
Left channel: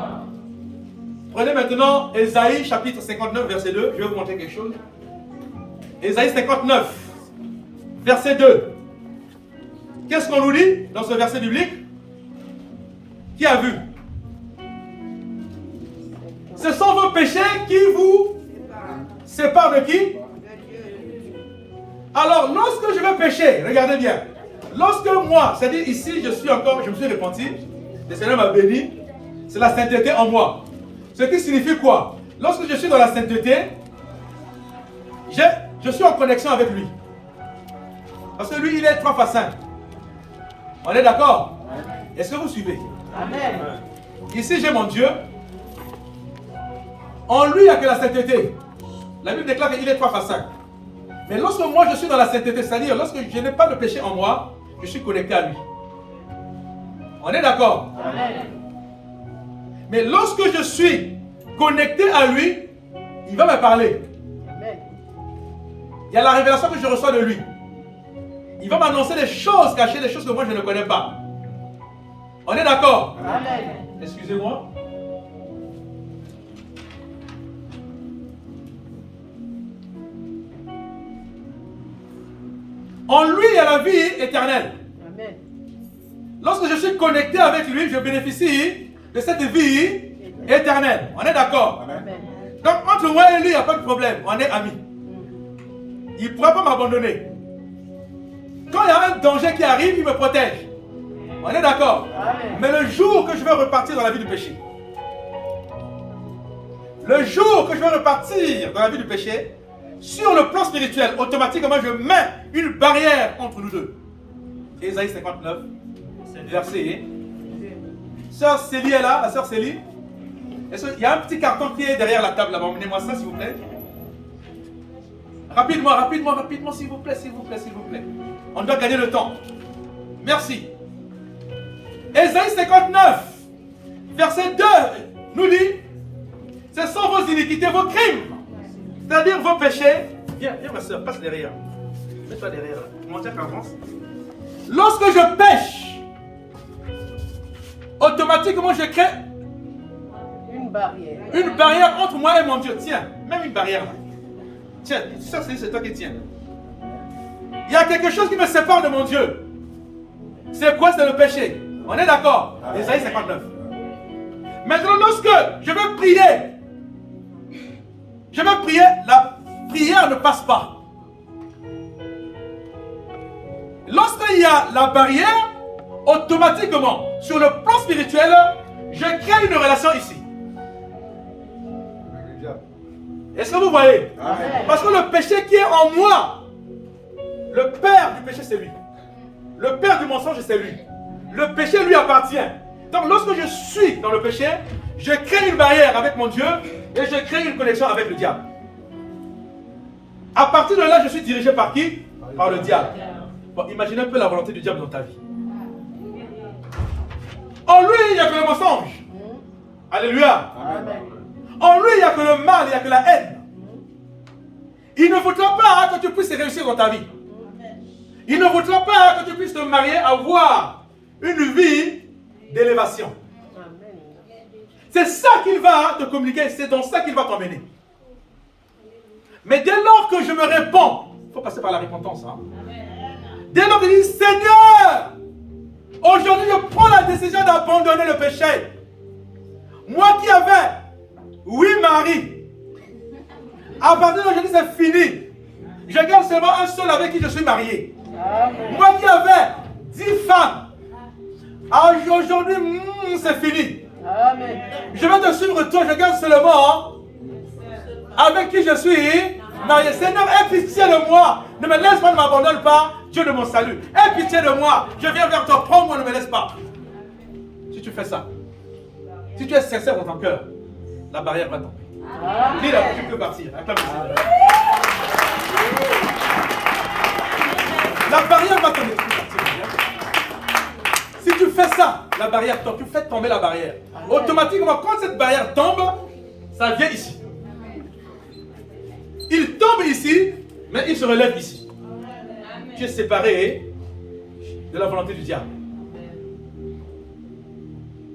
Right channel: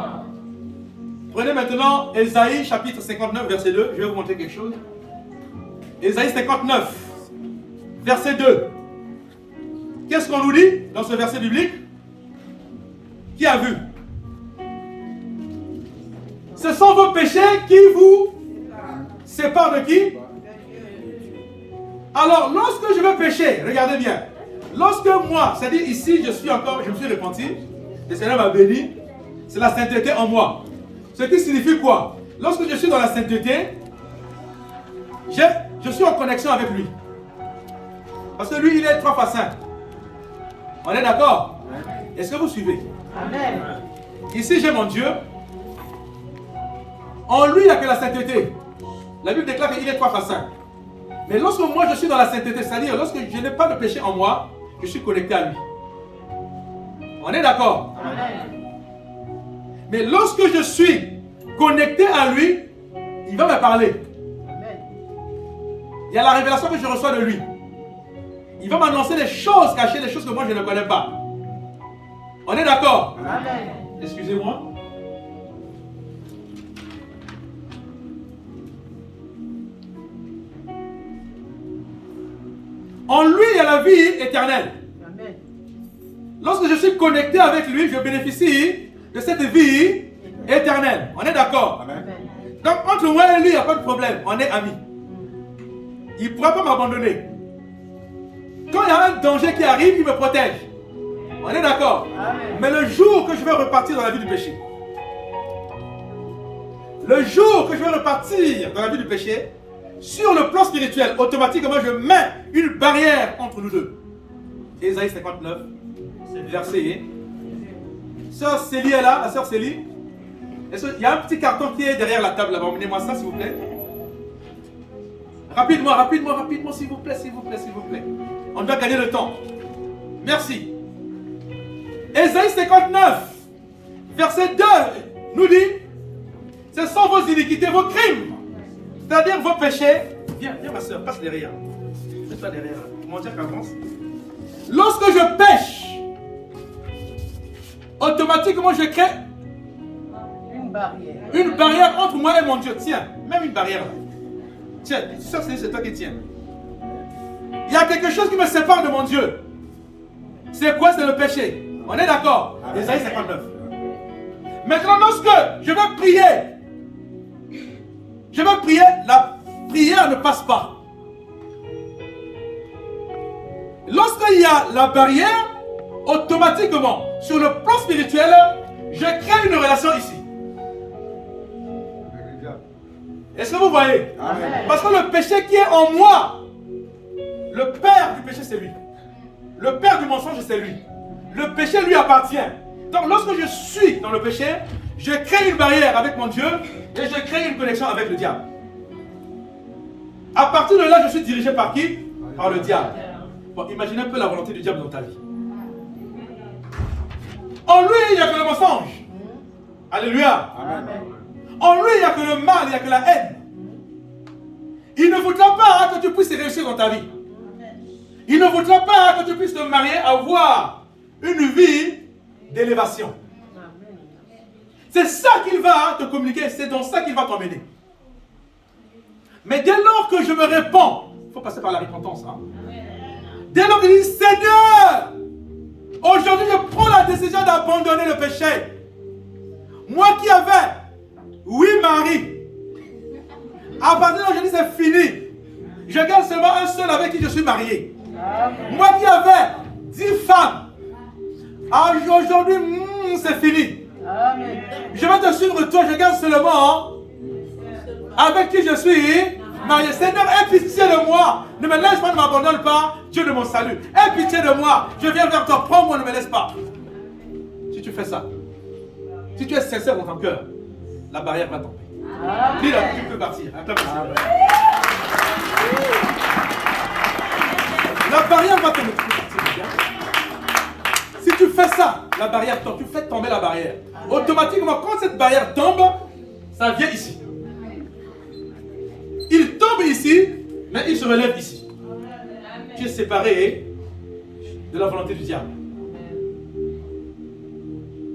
Prenez maintenant Ésaïe chapitre 59, verset 2. Je vais vous montrer quelque chose. Ésaïe 59, verset 2. Qu'est-ce qu'on nous dit dans ce verset biblique? Qui a vu? Ce sont vos péchés qui vous séparent de qui? Alors, lorsque je vais pécher, regardez bien. Lorsque moi, c'est-à-dire ici, je me suis repenti, le Seigneur m'a béni, c'est la sainteté en moi. Ce qui signifie quoi? Lorsque je suis dans la sainteté, je suis en connexion avec lui. Parce que lui, il est 3 fois saint. On est d'accord? Est-ce que vous suivez? Amen. Ici, j'ai mon Dieu. En lui, il n'y a que la sainteté. La Bible déclare qu'il est 3 fois saint. Mais lorsque moi, je suis dans la sainteté, c'est-à-dire lorsque je n'ai pas de péché en moi, je suis connecté à lui. On est d'accord? Amen. Mais lorsque je suis connecté à lui, il va me parler. Amen. Il y a la révélation que je reçois de lui. Il va m'annoncer les choses cachées, les choses que moi je ne connais pas. On est d'accord? Amen. Excusez-moi. En lui, il y a la vie éternelle. Amen. Lorsque je suis connecté avec lui, je bénéficie de cette vie éternelle. On est d'accord? Amen. Donc, entre moi et lui, il n'y a pas de problème. On est amis. Il ne pourra pas m'abandonner. Quand il y a un danger qui arrive, il me protège. On est d'accord? Amen. Mais le jour que je vais repartir dans la vie du péché, le jour que je vais repartir dans la vie du péché, sur le plan spirituel, automatiquement, je mets une barrière entre nous deux. Ésaïe 59, verset. Sœur Célie est là, la sœur Célie. Il y a un petit carton qui est derrière la table là-bas. Emmenez-moi ça, s'il vous plaît. Rapidement, rapidement, rapidement, s'il vous plaît, s'il vous plaît, s'il vous plaît. On doit gagner le temps. Merci. Ésaïe 59, verset 2, nous dit, ce sont vos iniquités, vos crimes, c'est-à-dire vos péchés. Viens, viens ma soeur, passe derrière. Mets-toi derrière. Mon Dieu qu'avance. Lorsque je pêche, automatiquement je crée une barrière entre moi et mon Dieu. Tiens, même une barrière là. Tiens, ça c'est toi qui tiens. Il y a quelque chose qui me sépare de mon Dieu. C'est quoi? C'est le péché. On est d'accord? Ésaïe 59. Maintenant, lorsque je veux prier, la prière ne passe pas. Lorsqu'il y a la barrière, automatiquement, sur le plan spirituel, je crée une relation ici. Est-ce que vous voyez? Amen. Parce que le péché qui est en moi, le père du péché, c'est lui. Le père du mensonge, c'est lui. Le péché lui appartient. Donc lorsque je suis dans le péché, je crée une barrière avec mon Dieu et je crée une connexion avec le diable. À partir de là, je suis dirigé par qui? Par le diable. Bon, imaginez un peu la volonté du diable dans ta vie. En lui, il n'y a que le mensonge. Alléluia. Amen. En lui, il n'y a que le mal, il n'y a que la haine. Il ne voudra pas que tu puisses réussir dans ta vie. Il ne voudra pas que tu puisses te marier, avoir une vie d'élévation. C'est ça qu'il va te communiquer, c'est dans ça qu'il va t'emmener. Mais dès lors que je me réponds, il faut passer par la repentance. Dès lors qu'il dit, Seigneur, aujourd'hui je prends la décision d'abandonner le péché. Moi qui avais 8 maris, à partir d'aujourd'hui c'est fini. Je garde seulement un seul avec qui je suis marié. Moi qui avais 10 femmes, aujourd'hui c'est fini. Je vais te suivre toi, je garde seulement avec qui je suis marié. Seigneur, aie pitié de moi. Ne me laisse pas, ne m'abandonne pas. Dieu de mon salut. Aie pitié de moi. Je viens vers toi. Prends-moi, ne me laisse pas. Si tu fais ça, si tu es sincère dans ton cœur, la barrière va tomber. Puis là, tu peux partir. La barrière va tomber. Tu peux partir. Si tu fais ça, la barrière tombe. Tu fais tomber la barrière. Automatiquement, quand cette barrière tombe, ça vient ici. Il tombe ici, mais il se relève ici. Tu es séparé de la volonté du diable.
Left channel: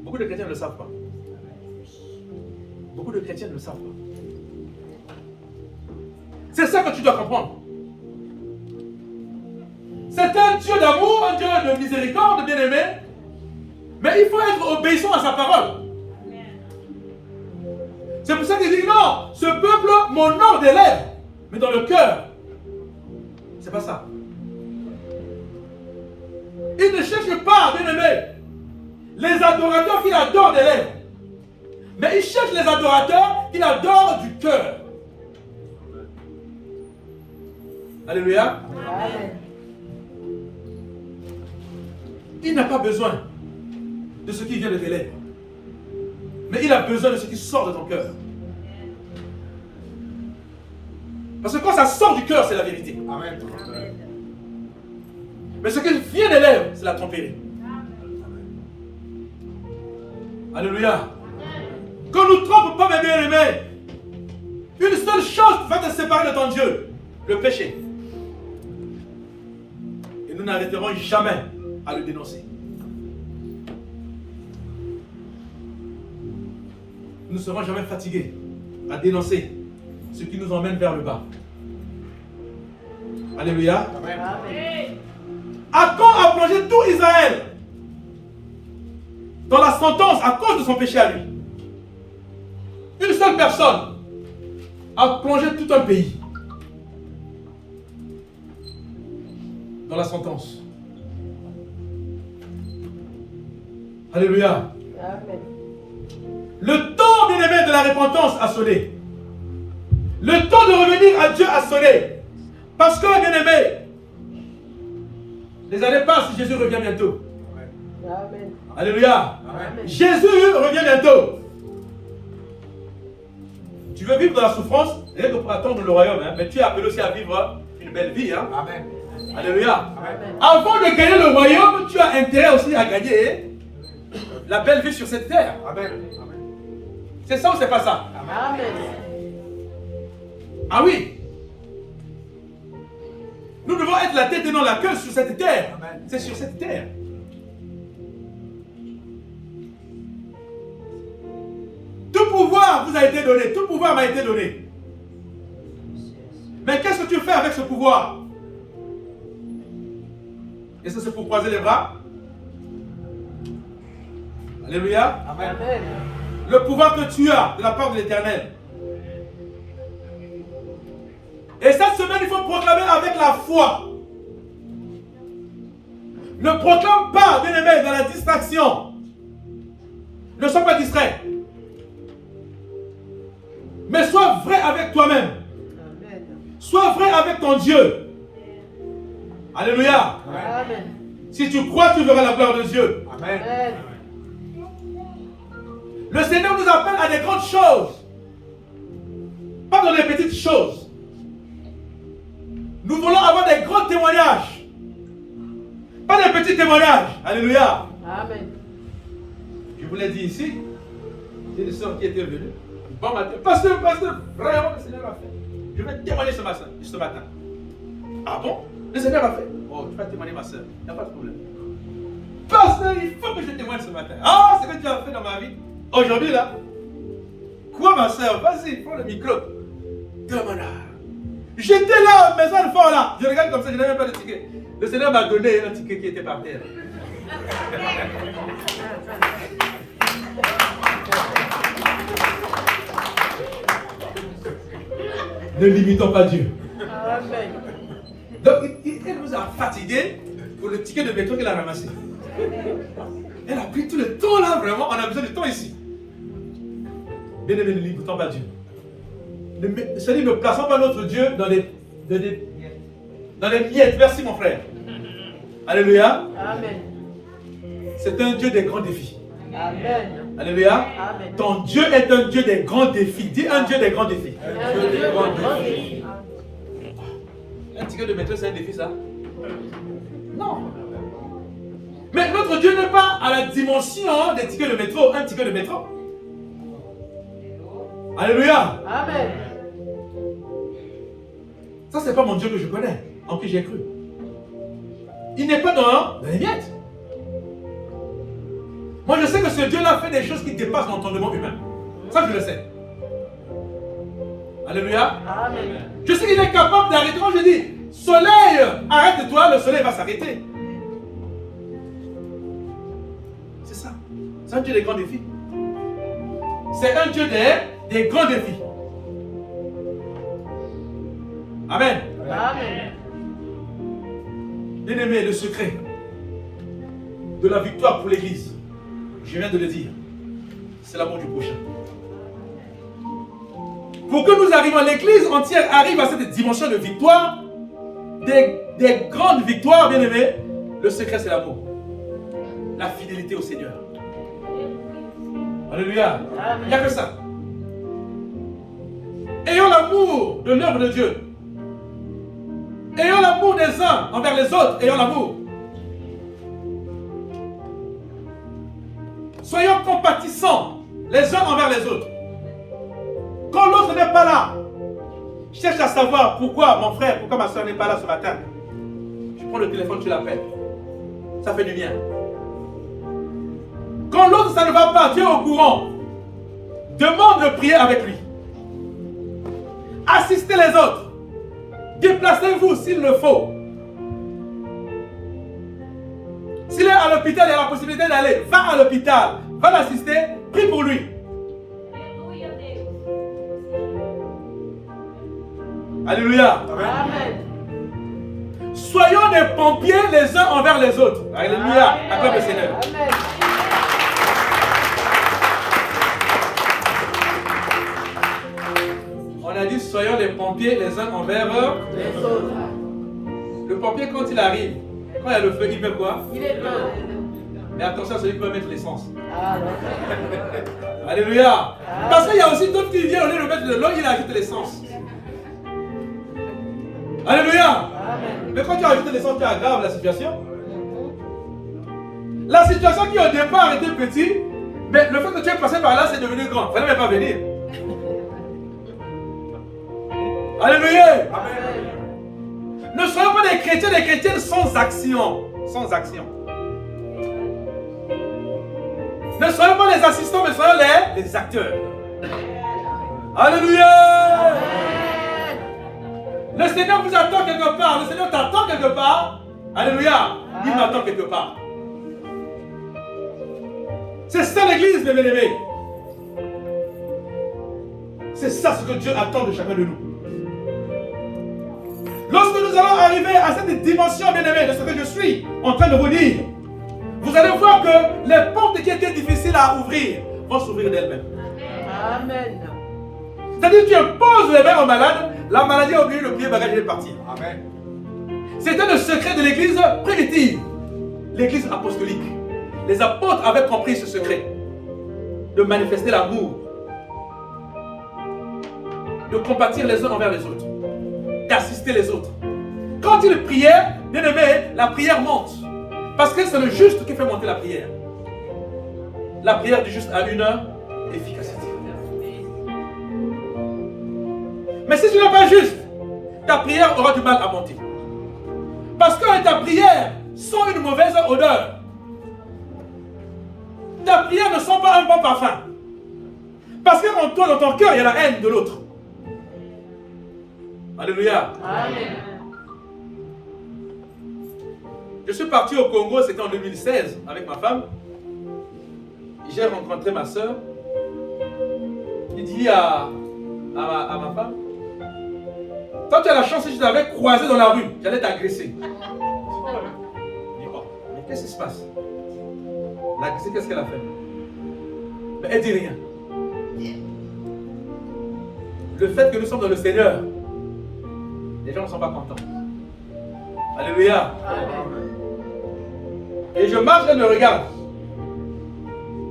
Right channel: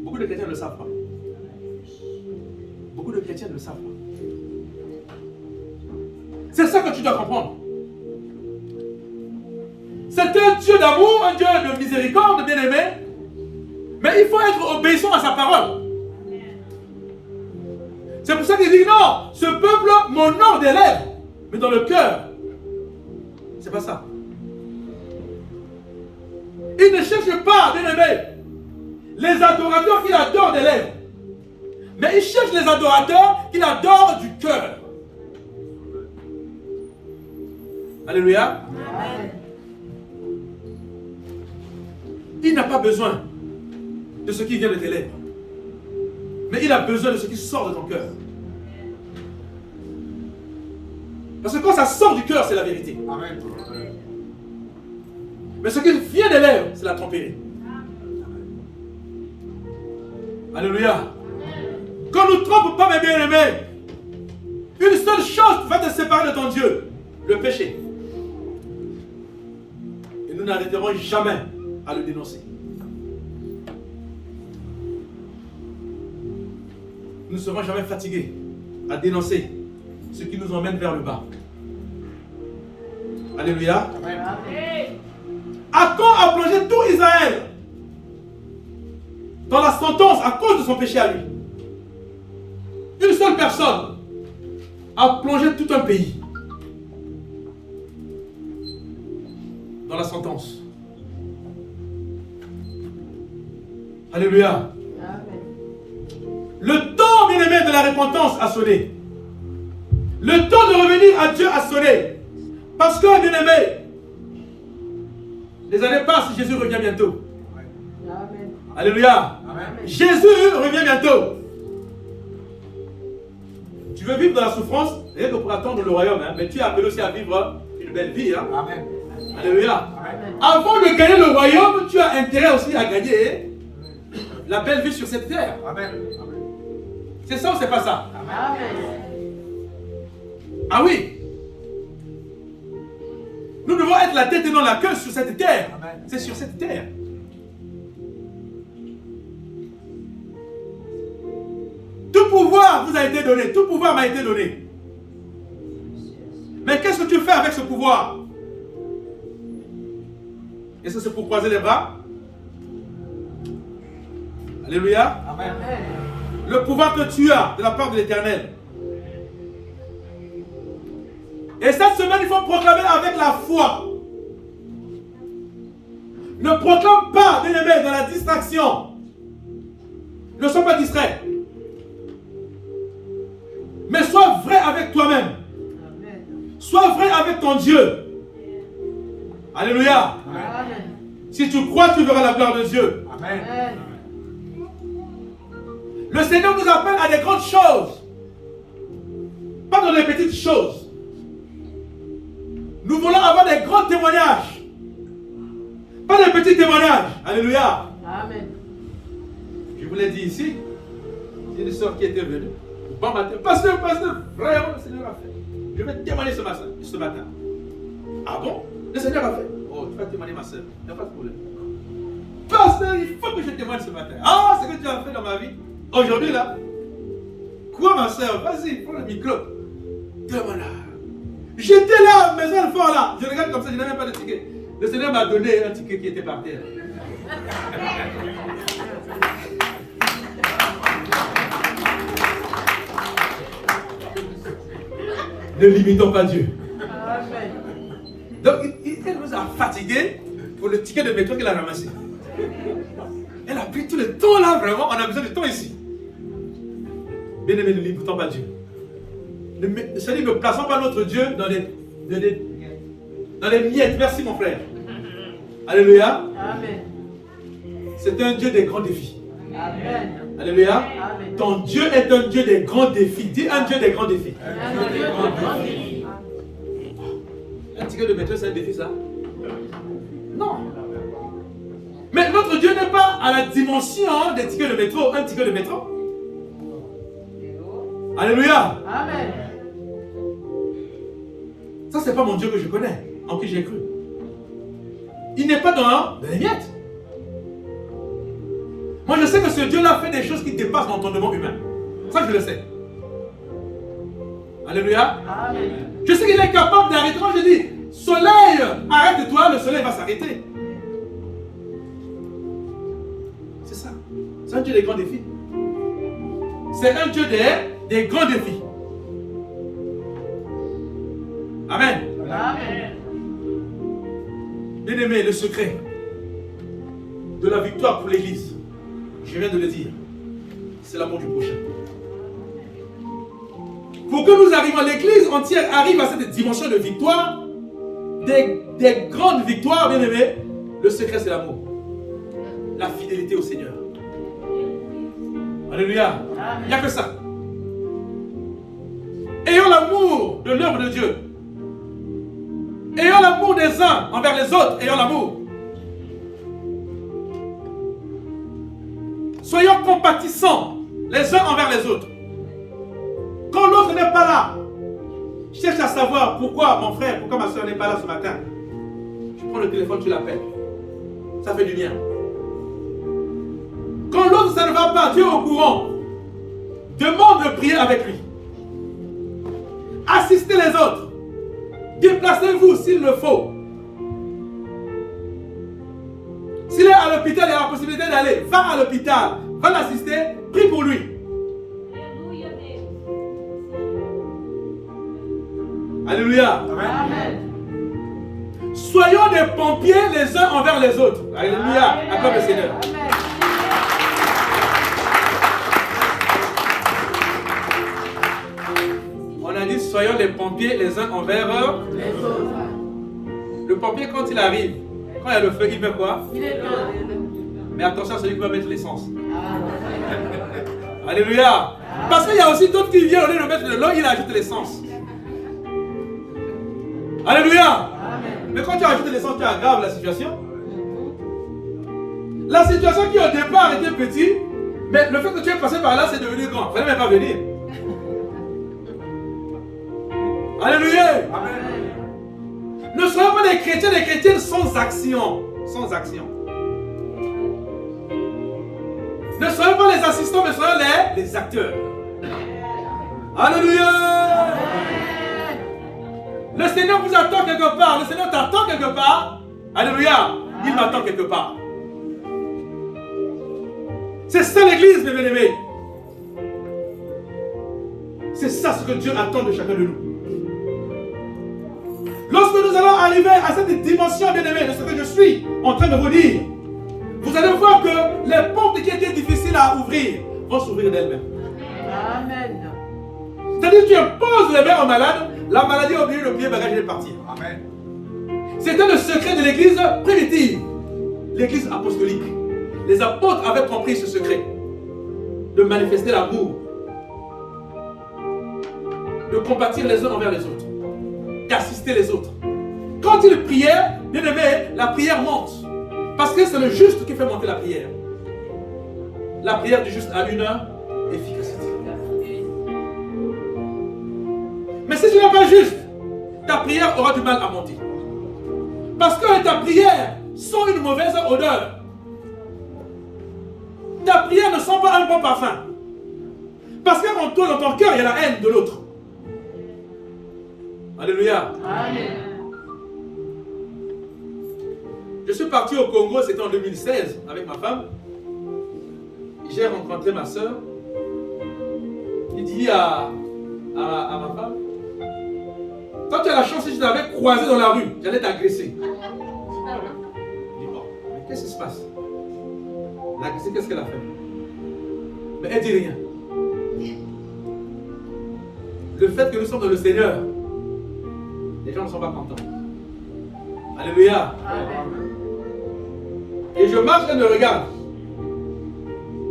Beaucoup de chrétiens ne le savent pas. Beaucoup de chrétiens ne le savent pas. C'est ça que tu dois comprendre. C'est un Dieu d'amour, un Dieu de miséricorde, bien-aimé. Mais il faut être obéissant à sa parole. C'est pour ça qu'il dit non, ce peuple m'honore des lèvres, mais dans le cœur, c'est pas ça. Il ne cherche pas, bien-aimé, les adorateurs qu'il adore des lèvres, mais il cherche les adorateurs qu'il adore du cœur. Alléluia. Il n'a pas besoin de ce qui vient de tes lèvres, mais il a besoin de ce qui sort de ton cœur. Parce que quand ça sort du cœur, c'est la vérité. Amen. Mais ce qui vient des lèvres, c'est la tromperie. Alléluia. Qu'on ne nous trompe pas, mes bien-aimés. Une seule chose va te séparer de ton Dieu. le péché. Et nous n'arrêterons jamais à le dénoncer. Nous ne serons jamais fatigués à dénoncer ce qui nous emmène vers le bas. Alléluia. Achan a plongé tout Israël dans la sentence à cause de son péché à lui. Une seule personne a plongé tout un pays dans la sentence. Alléluia. Le temps, bien-aimé, de la repentance a sonné. Le temps de revenir à Dieu a sonné. Parce que, bien-aimé, les années passent, Jésus revient bientôt. Amen. Alléluia. Amen. Jésus revient bientôt. Tu veux vivre dans la souffrance, rien que pour attendre le royaume, hein, mais tu es appelé aussi à vivre une belle vie. Hein. Amen. Alléluia. Amen. Avant de gagner le royaume, tu as intérêt aussi à gagner la belle vie sur cette terre. Amen. C'est ça ou c'est pas ça? Amen. Ah oui. Nous devons être la tête et non la queue sur cette terre. Amen. C'est sur cette terre. Tout pouvoir vous a été donné. Tout pouvoir m'a été donné. Mais qu'est-ce que tu fais avec ce pouvoir? Est-ce que c'est pour croiser les bras? Alléluia. Amen. Le pouvoir que tu as de la part de l'Éternel. Et cette semaine, il faut proclamer avec la foi. Ne proclame pas, bien-aimé, dans la distraction. Ne sois pas distrait. Mais sois vrai avec toi-même. Amen. Sois vrai avec ton Dieu. Alléluia. Amen. Si tu crois, tu verras la gloire de Dieu. Amen. Amen. Le Seigneur nous appelle à des grandes choses. Pas dans les petites choses. Nous voulons avoir des grands témoignages. Pas des petits témoignages. Alléluia. Amen. Je vous l'ai dit ici. Il y a une soeur qui était venue. Bon matin. Pasteur, vraiment le Seigneur a fait. Je vais témoigner ce matin. Ah bon? Le Seigneur a fait. Oh, tu vas témoigner ma soeur. Il n'y a pas de problème. Pasteur, il faut que je témoigne ce matin. Ah, ce que tu as fait dans ma vie. Aujourd'hui là. Quoi ma soeur? Vas-y, prends le micro. Demande. J'étais là, maison le fort là. Je regarde comme ça, je n'avais pas de ticket. Le Seigneur m'a donné un ticket qui était par terre. Ne limitons pas Dieu. Amen. Donc, elle nous a fatigués pour le ticket de métro qu'elle a ramassé. Elle a pris tout le temps là, vraiment. On a besoin de temps ici. Bien-aimé, ne limitons pas Dieu. C'est-à-dire, ne plaçons pas notre Dieu dans les miettes. Merci, mon frère. Alléluia. Amen. C'est un Dieu des grands défis. Amen. Alléluia. Amen. Ton Dieu est un Dieu des grands défis. Dis un Dieu des grands défis. Un ticket de métro, c'est un défi, ça? Non. Mais notre Dieu n'est pas à la dimension des tickets de métro. Un ticket de métro. Alléluia. Amen. Ça, c'est pas mon Dieu que je connais, en qui j'ai cru. Il n'est pas dans les miettes. Moi, je sais que ce Dieu-là fait des choses qui dépassent l'entendement humain. Ça, je le sais. Alléluia. Amen. Je sais qu'il est capable d'arrêter. Moi, je dis, soleil, arrête-toi, le soleil va s'arrêter. C'est ça. C'est un Dieu des grands défis. C'est un Dieu des grands défis. Amen. Amen. Bien-aimé, le secret de la victoire pour l'Église, je viens de le dire, c'est l'amour du prochain. Pour que nous arrivions, l'Église entière arrive à cette dimension de victoire, des grandes victoires, bien-aimé, le secret c'est l'amour. La fidélité au Seigneur. Alléluia. Il n'y a que ça. Ayons l'amour de l'œuvre de Dieu. Ayons l'amour des uns envers les autres. Ayons l'amour. Soyons compatissants les uns envers les autres. Quand l'autre n'est pas là, cherche à savoir pourquoi mon frère, pourquoi ma soeur n'est pas là ce matin. Tu prends le téléphone, tu l'appelles. Ça fait du bien. Quand l'autre, ça ne va pas, Dieu est au courant. Demande de prier avec lui. Assistez les autres. Déplacez-vous s'il le faut. S'il est à l'hôpital, il a la possibilité d'aller. Va à l'hôpital. Va l'assister. Prie pour lui. Alléluia. Amen. Soyons des pompiers les uns envers les autres. Alléluia. Acclame le Seigneur. Amen. On a dit soyons des pompiers les uns envers Les autres. le pompier quand il arrive. Quand il y a le feu, il fait quoi? Il est bon. Mais attention à celui qui va mettre l'essence. Ah. Alléluia. Parce qu'il y a aussi d'autres qui viennent au lieu de mettre de l'eau, il ajoute l'essence. Alléluia. Amen. Mais quand tu ajoutes l'essence, tu aggraves la situation. La situation qui au départ était petite, mais le fait que tu es passé par là, c'est devenu grand. Il ne fallait même pas venir. Alléluia. Amen. Ne soyons pas des chrétiennes sans action. Sans action. Ne soyons pas les assistants, mais soyons les acteurs. Alléluia. Le Seigneur vous attend quelque part. Le Seigneur t'attend quelque part. Alléluia. Il m'attend quelque part. C'est ça l'église, mes bien-aimés. C'est ça ce que Dieu attend de chacun de nous. Lorsque nous allons arriver à cette dimension, bien-aimés, de ce que je suis en train de vous dire, vous allez voir que les portes qui étaient difficiles à ouvrir vont s'ouvrir d'elles-mêmes. Amen. C'est-à-dire que tu imposes les mains au malade, la maladie a oublié le pied, bagage est parti. C'était le secret de l'église primitive, l'église apostolique. Les apôtres avaient compris ce secret de manifester l'amour, de compatir les uns envers les autres, d'assister les autres. Quand ils priaient, bien aimé, la prière monte. Parce que c'est le juste qui fait monter la prière. La prière du juste a une efficacité. Mais si tu n'es pas juste, ta prière aura du mal à monter. Parce que ta prière sent une mauvaise odeur. Ta prière ne sent pas un bon parfum. Parce qu'en toi, dans ton cœur, il y a la haine de l'autre. Alléluia. Amen. Je suis parti au Congo, c'était en 2016, avec ma femme. J'ai rencontré ma soeur. Il dit à ma femme, toi tu as la chance que je t'avais croisé dans la rue, j'allais t'agresser. Je dis, oh, mais qu'est-ce qui se passe? L'agresser, qu'est-ce qu'elle a fait? Mais elle dit rien. Le fait que nous sommes dans le Seigneur, les gens ne sont pas contents. Alléluia. Et je marche, elle me regarde.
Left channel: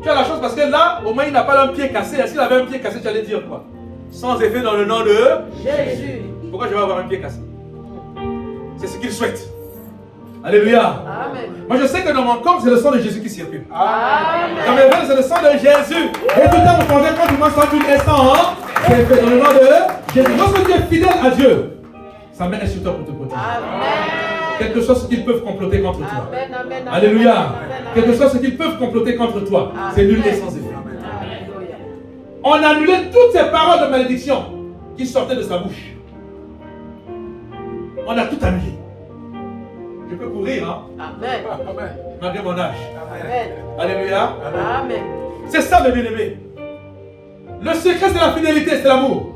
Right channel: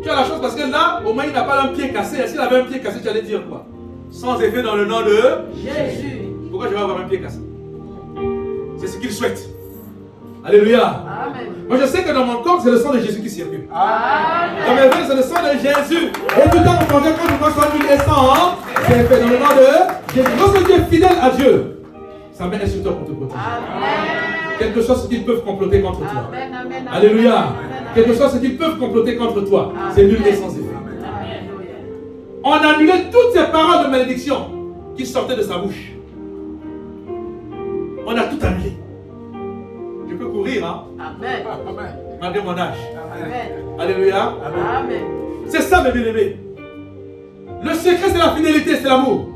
Tu as la chance parce que là, au moins il n'a pas un pied cassé. S'il avait un pied cassé, tu allais dire quoi? Sans effet dans le nom de Jésus. Pourquoi je vais avoir un pied cassé? C'est ce qu'il souhaite. Alléluia. Amen. Moi je sais que dans mon corps, c'est le sang de Jésus qui circule. Amen. Dans mes veines, c'est le sang de Jésus. Et tout le temps, vous quand tu manges un instant, hein, c'est fait dans le nom de Jésus. Lorsque tu es fidèle à Dieu, sa main est sur toi pour te protéger. Amen. Quelque chose qu'ils peuvent comploter contre toi. Amen. Amen. Alléluia. Quelque chose qu'ils peuvent comploter contre toi. C'est nul et sans effet. Alléluia. On annulait toutes ces paroles de malédiction qui sortaient de sa bouche. On a tout annulé. Je peux courir, hein, Amen. malgré mon âge. Amen. Alléluia. Amen. C'est ça, mes bien-aimés. Le secret, c'est la fidélité, c'est l'amour.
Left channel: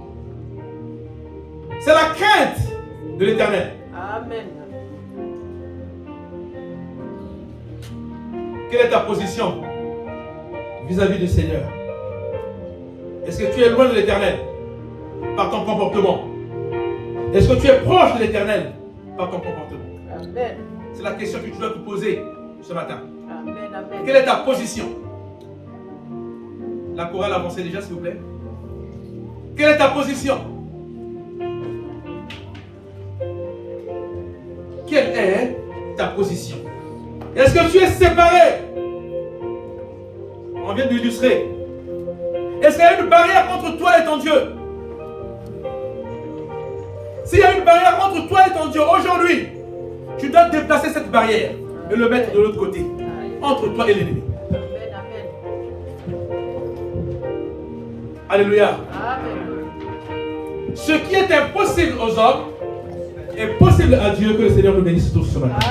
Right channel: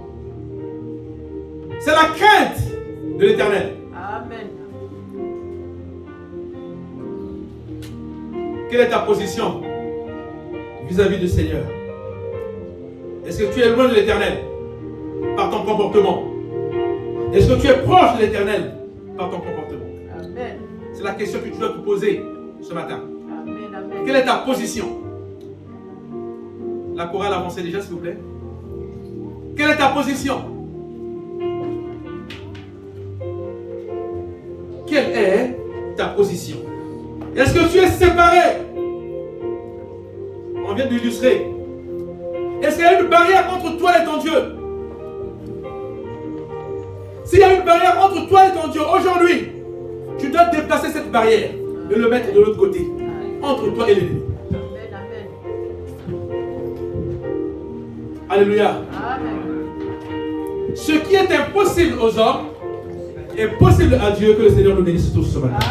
C'est la crainte de l'Éternel. Amen. Quelle est ta position vis-à-vis du Seigneur? Est-ce que tu es loin de l'Éternel par ton comportement? Est-ce que tu es proche de l'Éternel par ton comportement? Amen. C'est la question que tu dois te poser ce matin. Amen. Amen. Quelle est ta position? La chorale avancée déjà, s'il vous plaît. Quelle est ta position? Quelle est ta position? Est-ce que tu es séparé? On vient d'illustrer. Est-ce qu'il y a une barrière entre toi et ton Dieu? S'il y a une barrière entre toi et ton Dieu, aujourd'hui, tu dois déplacer cette barrière et le mettre de l'autre côté, entre toi et l'ennemi. Alléluia. Ce qui est impossible aux hommes est possible à Dieu. Que le Seigneur nous bénisse tous ce matin.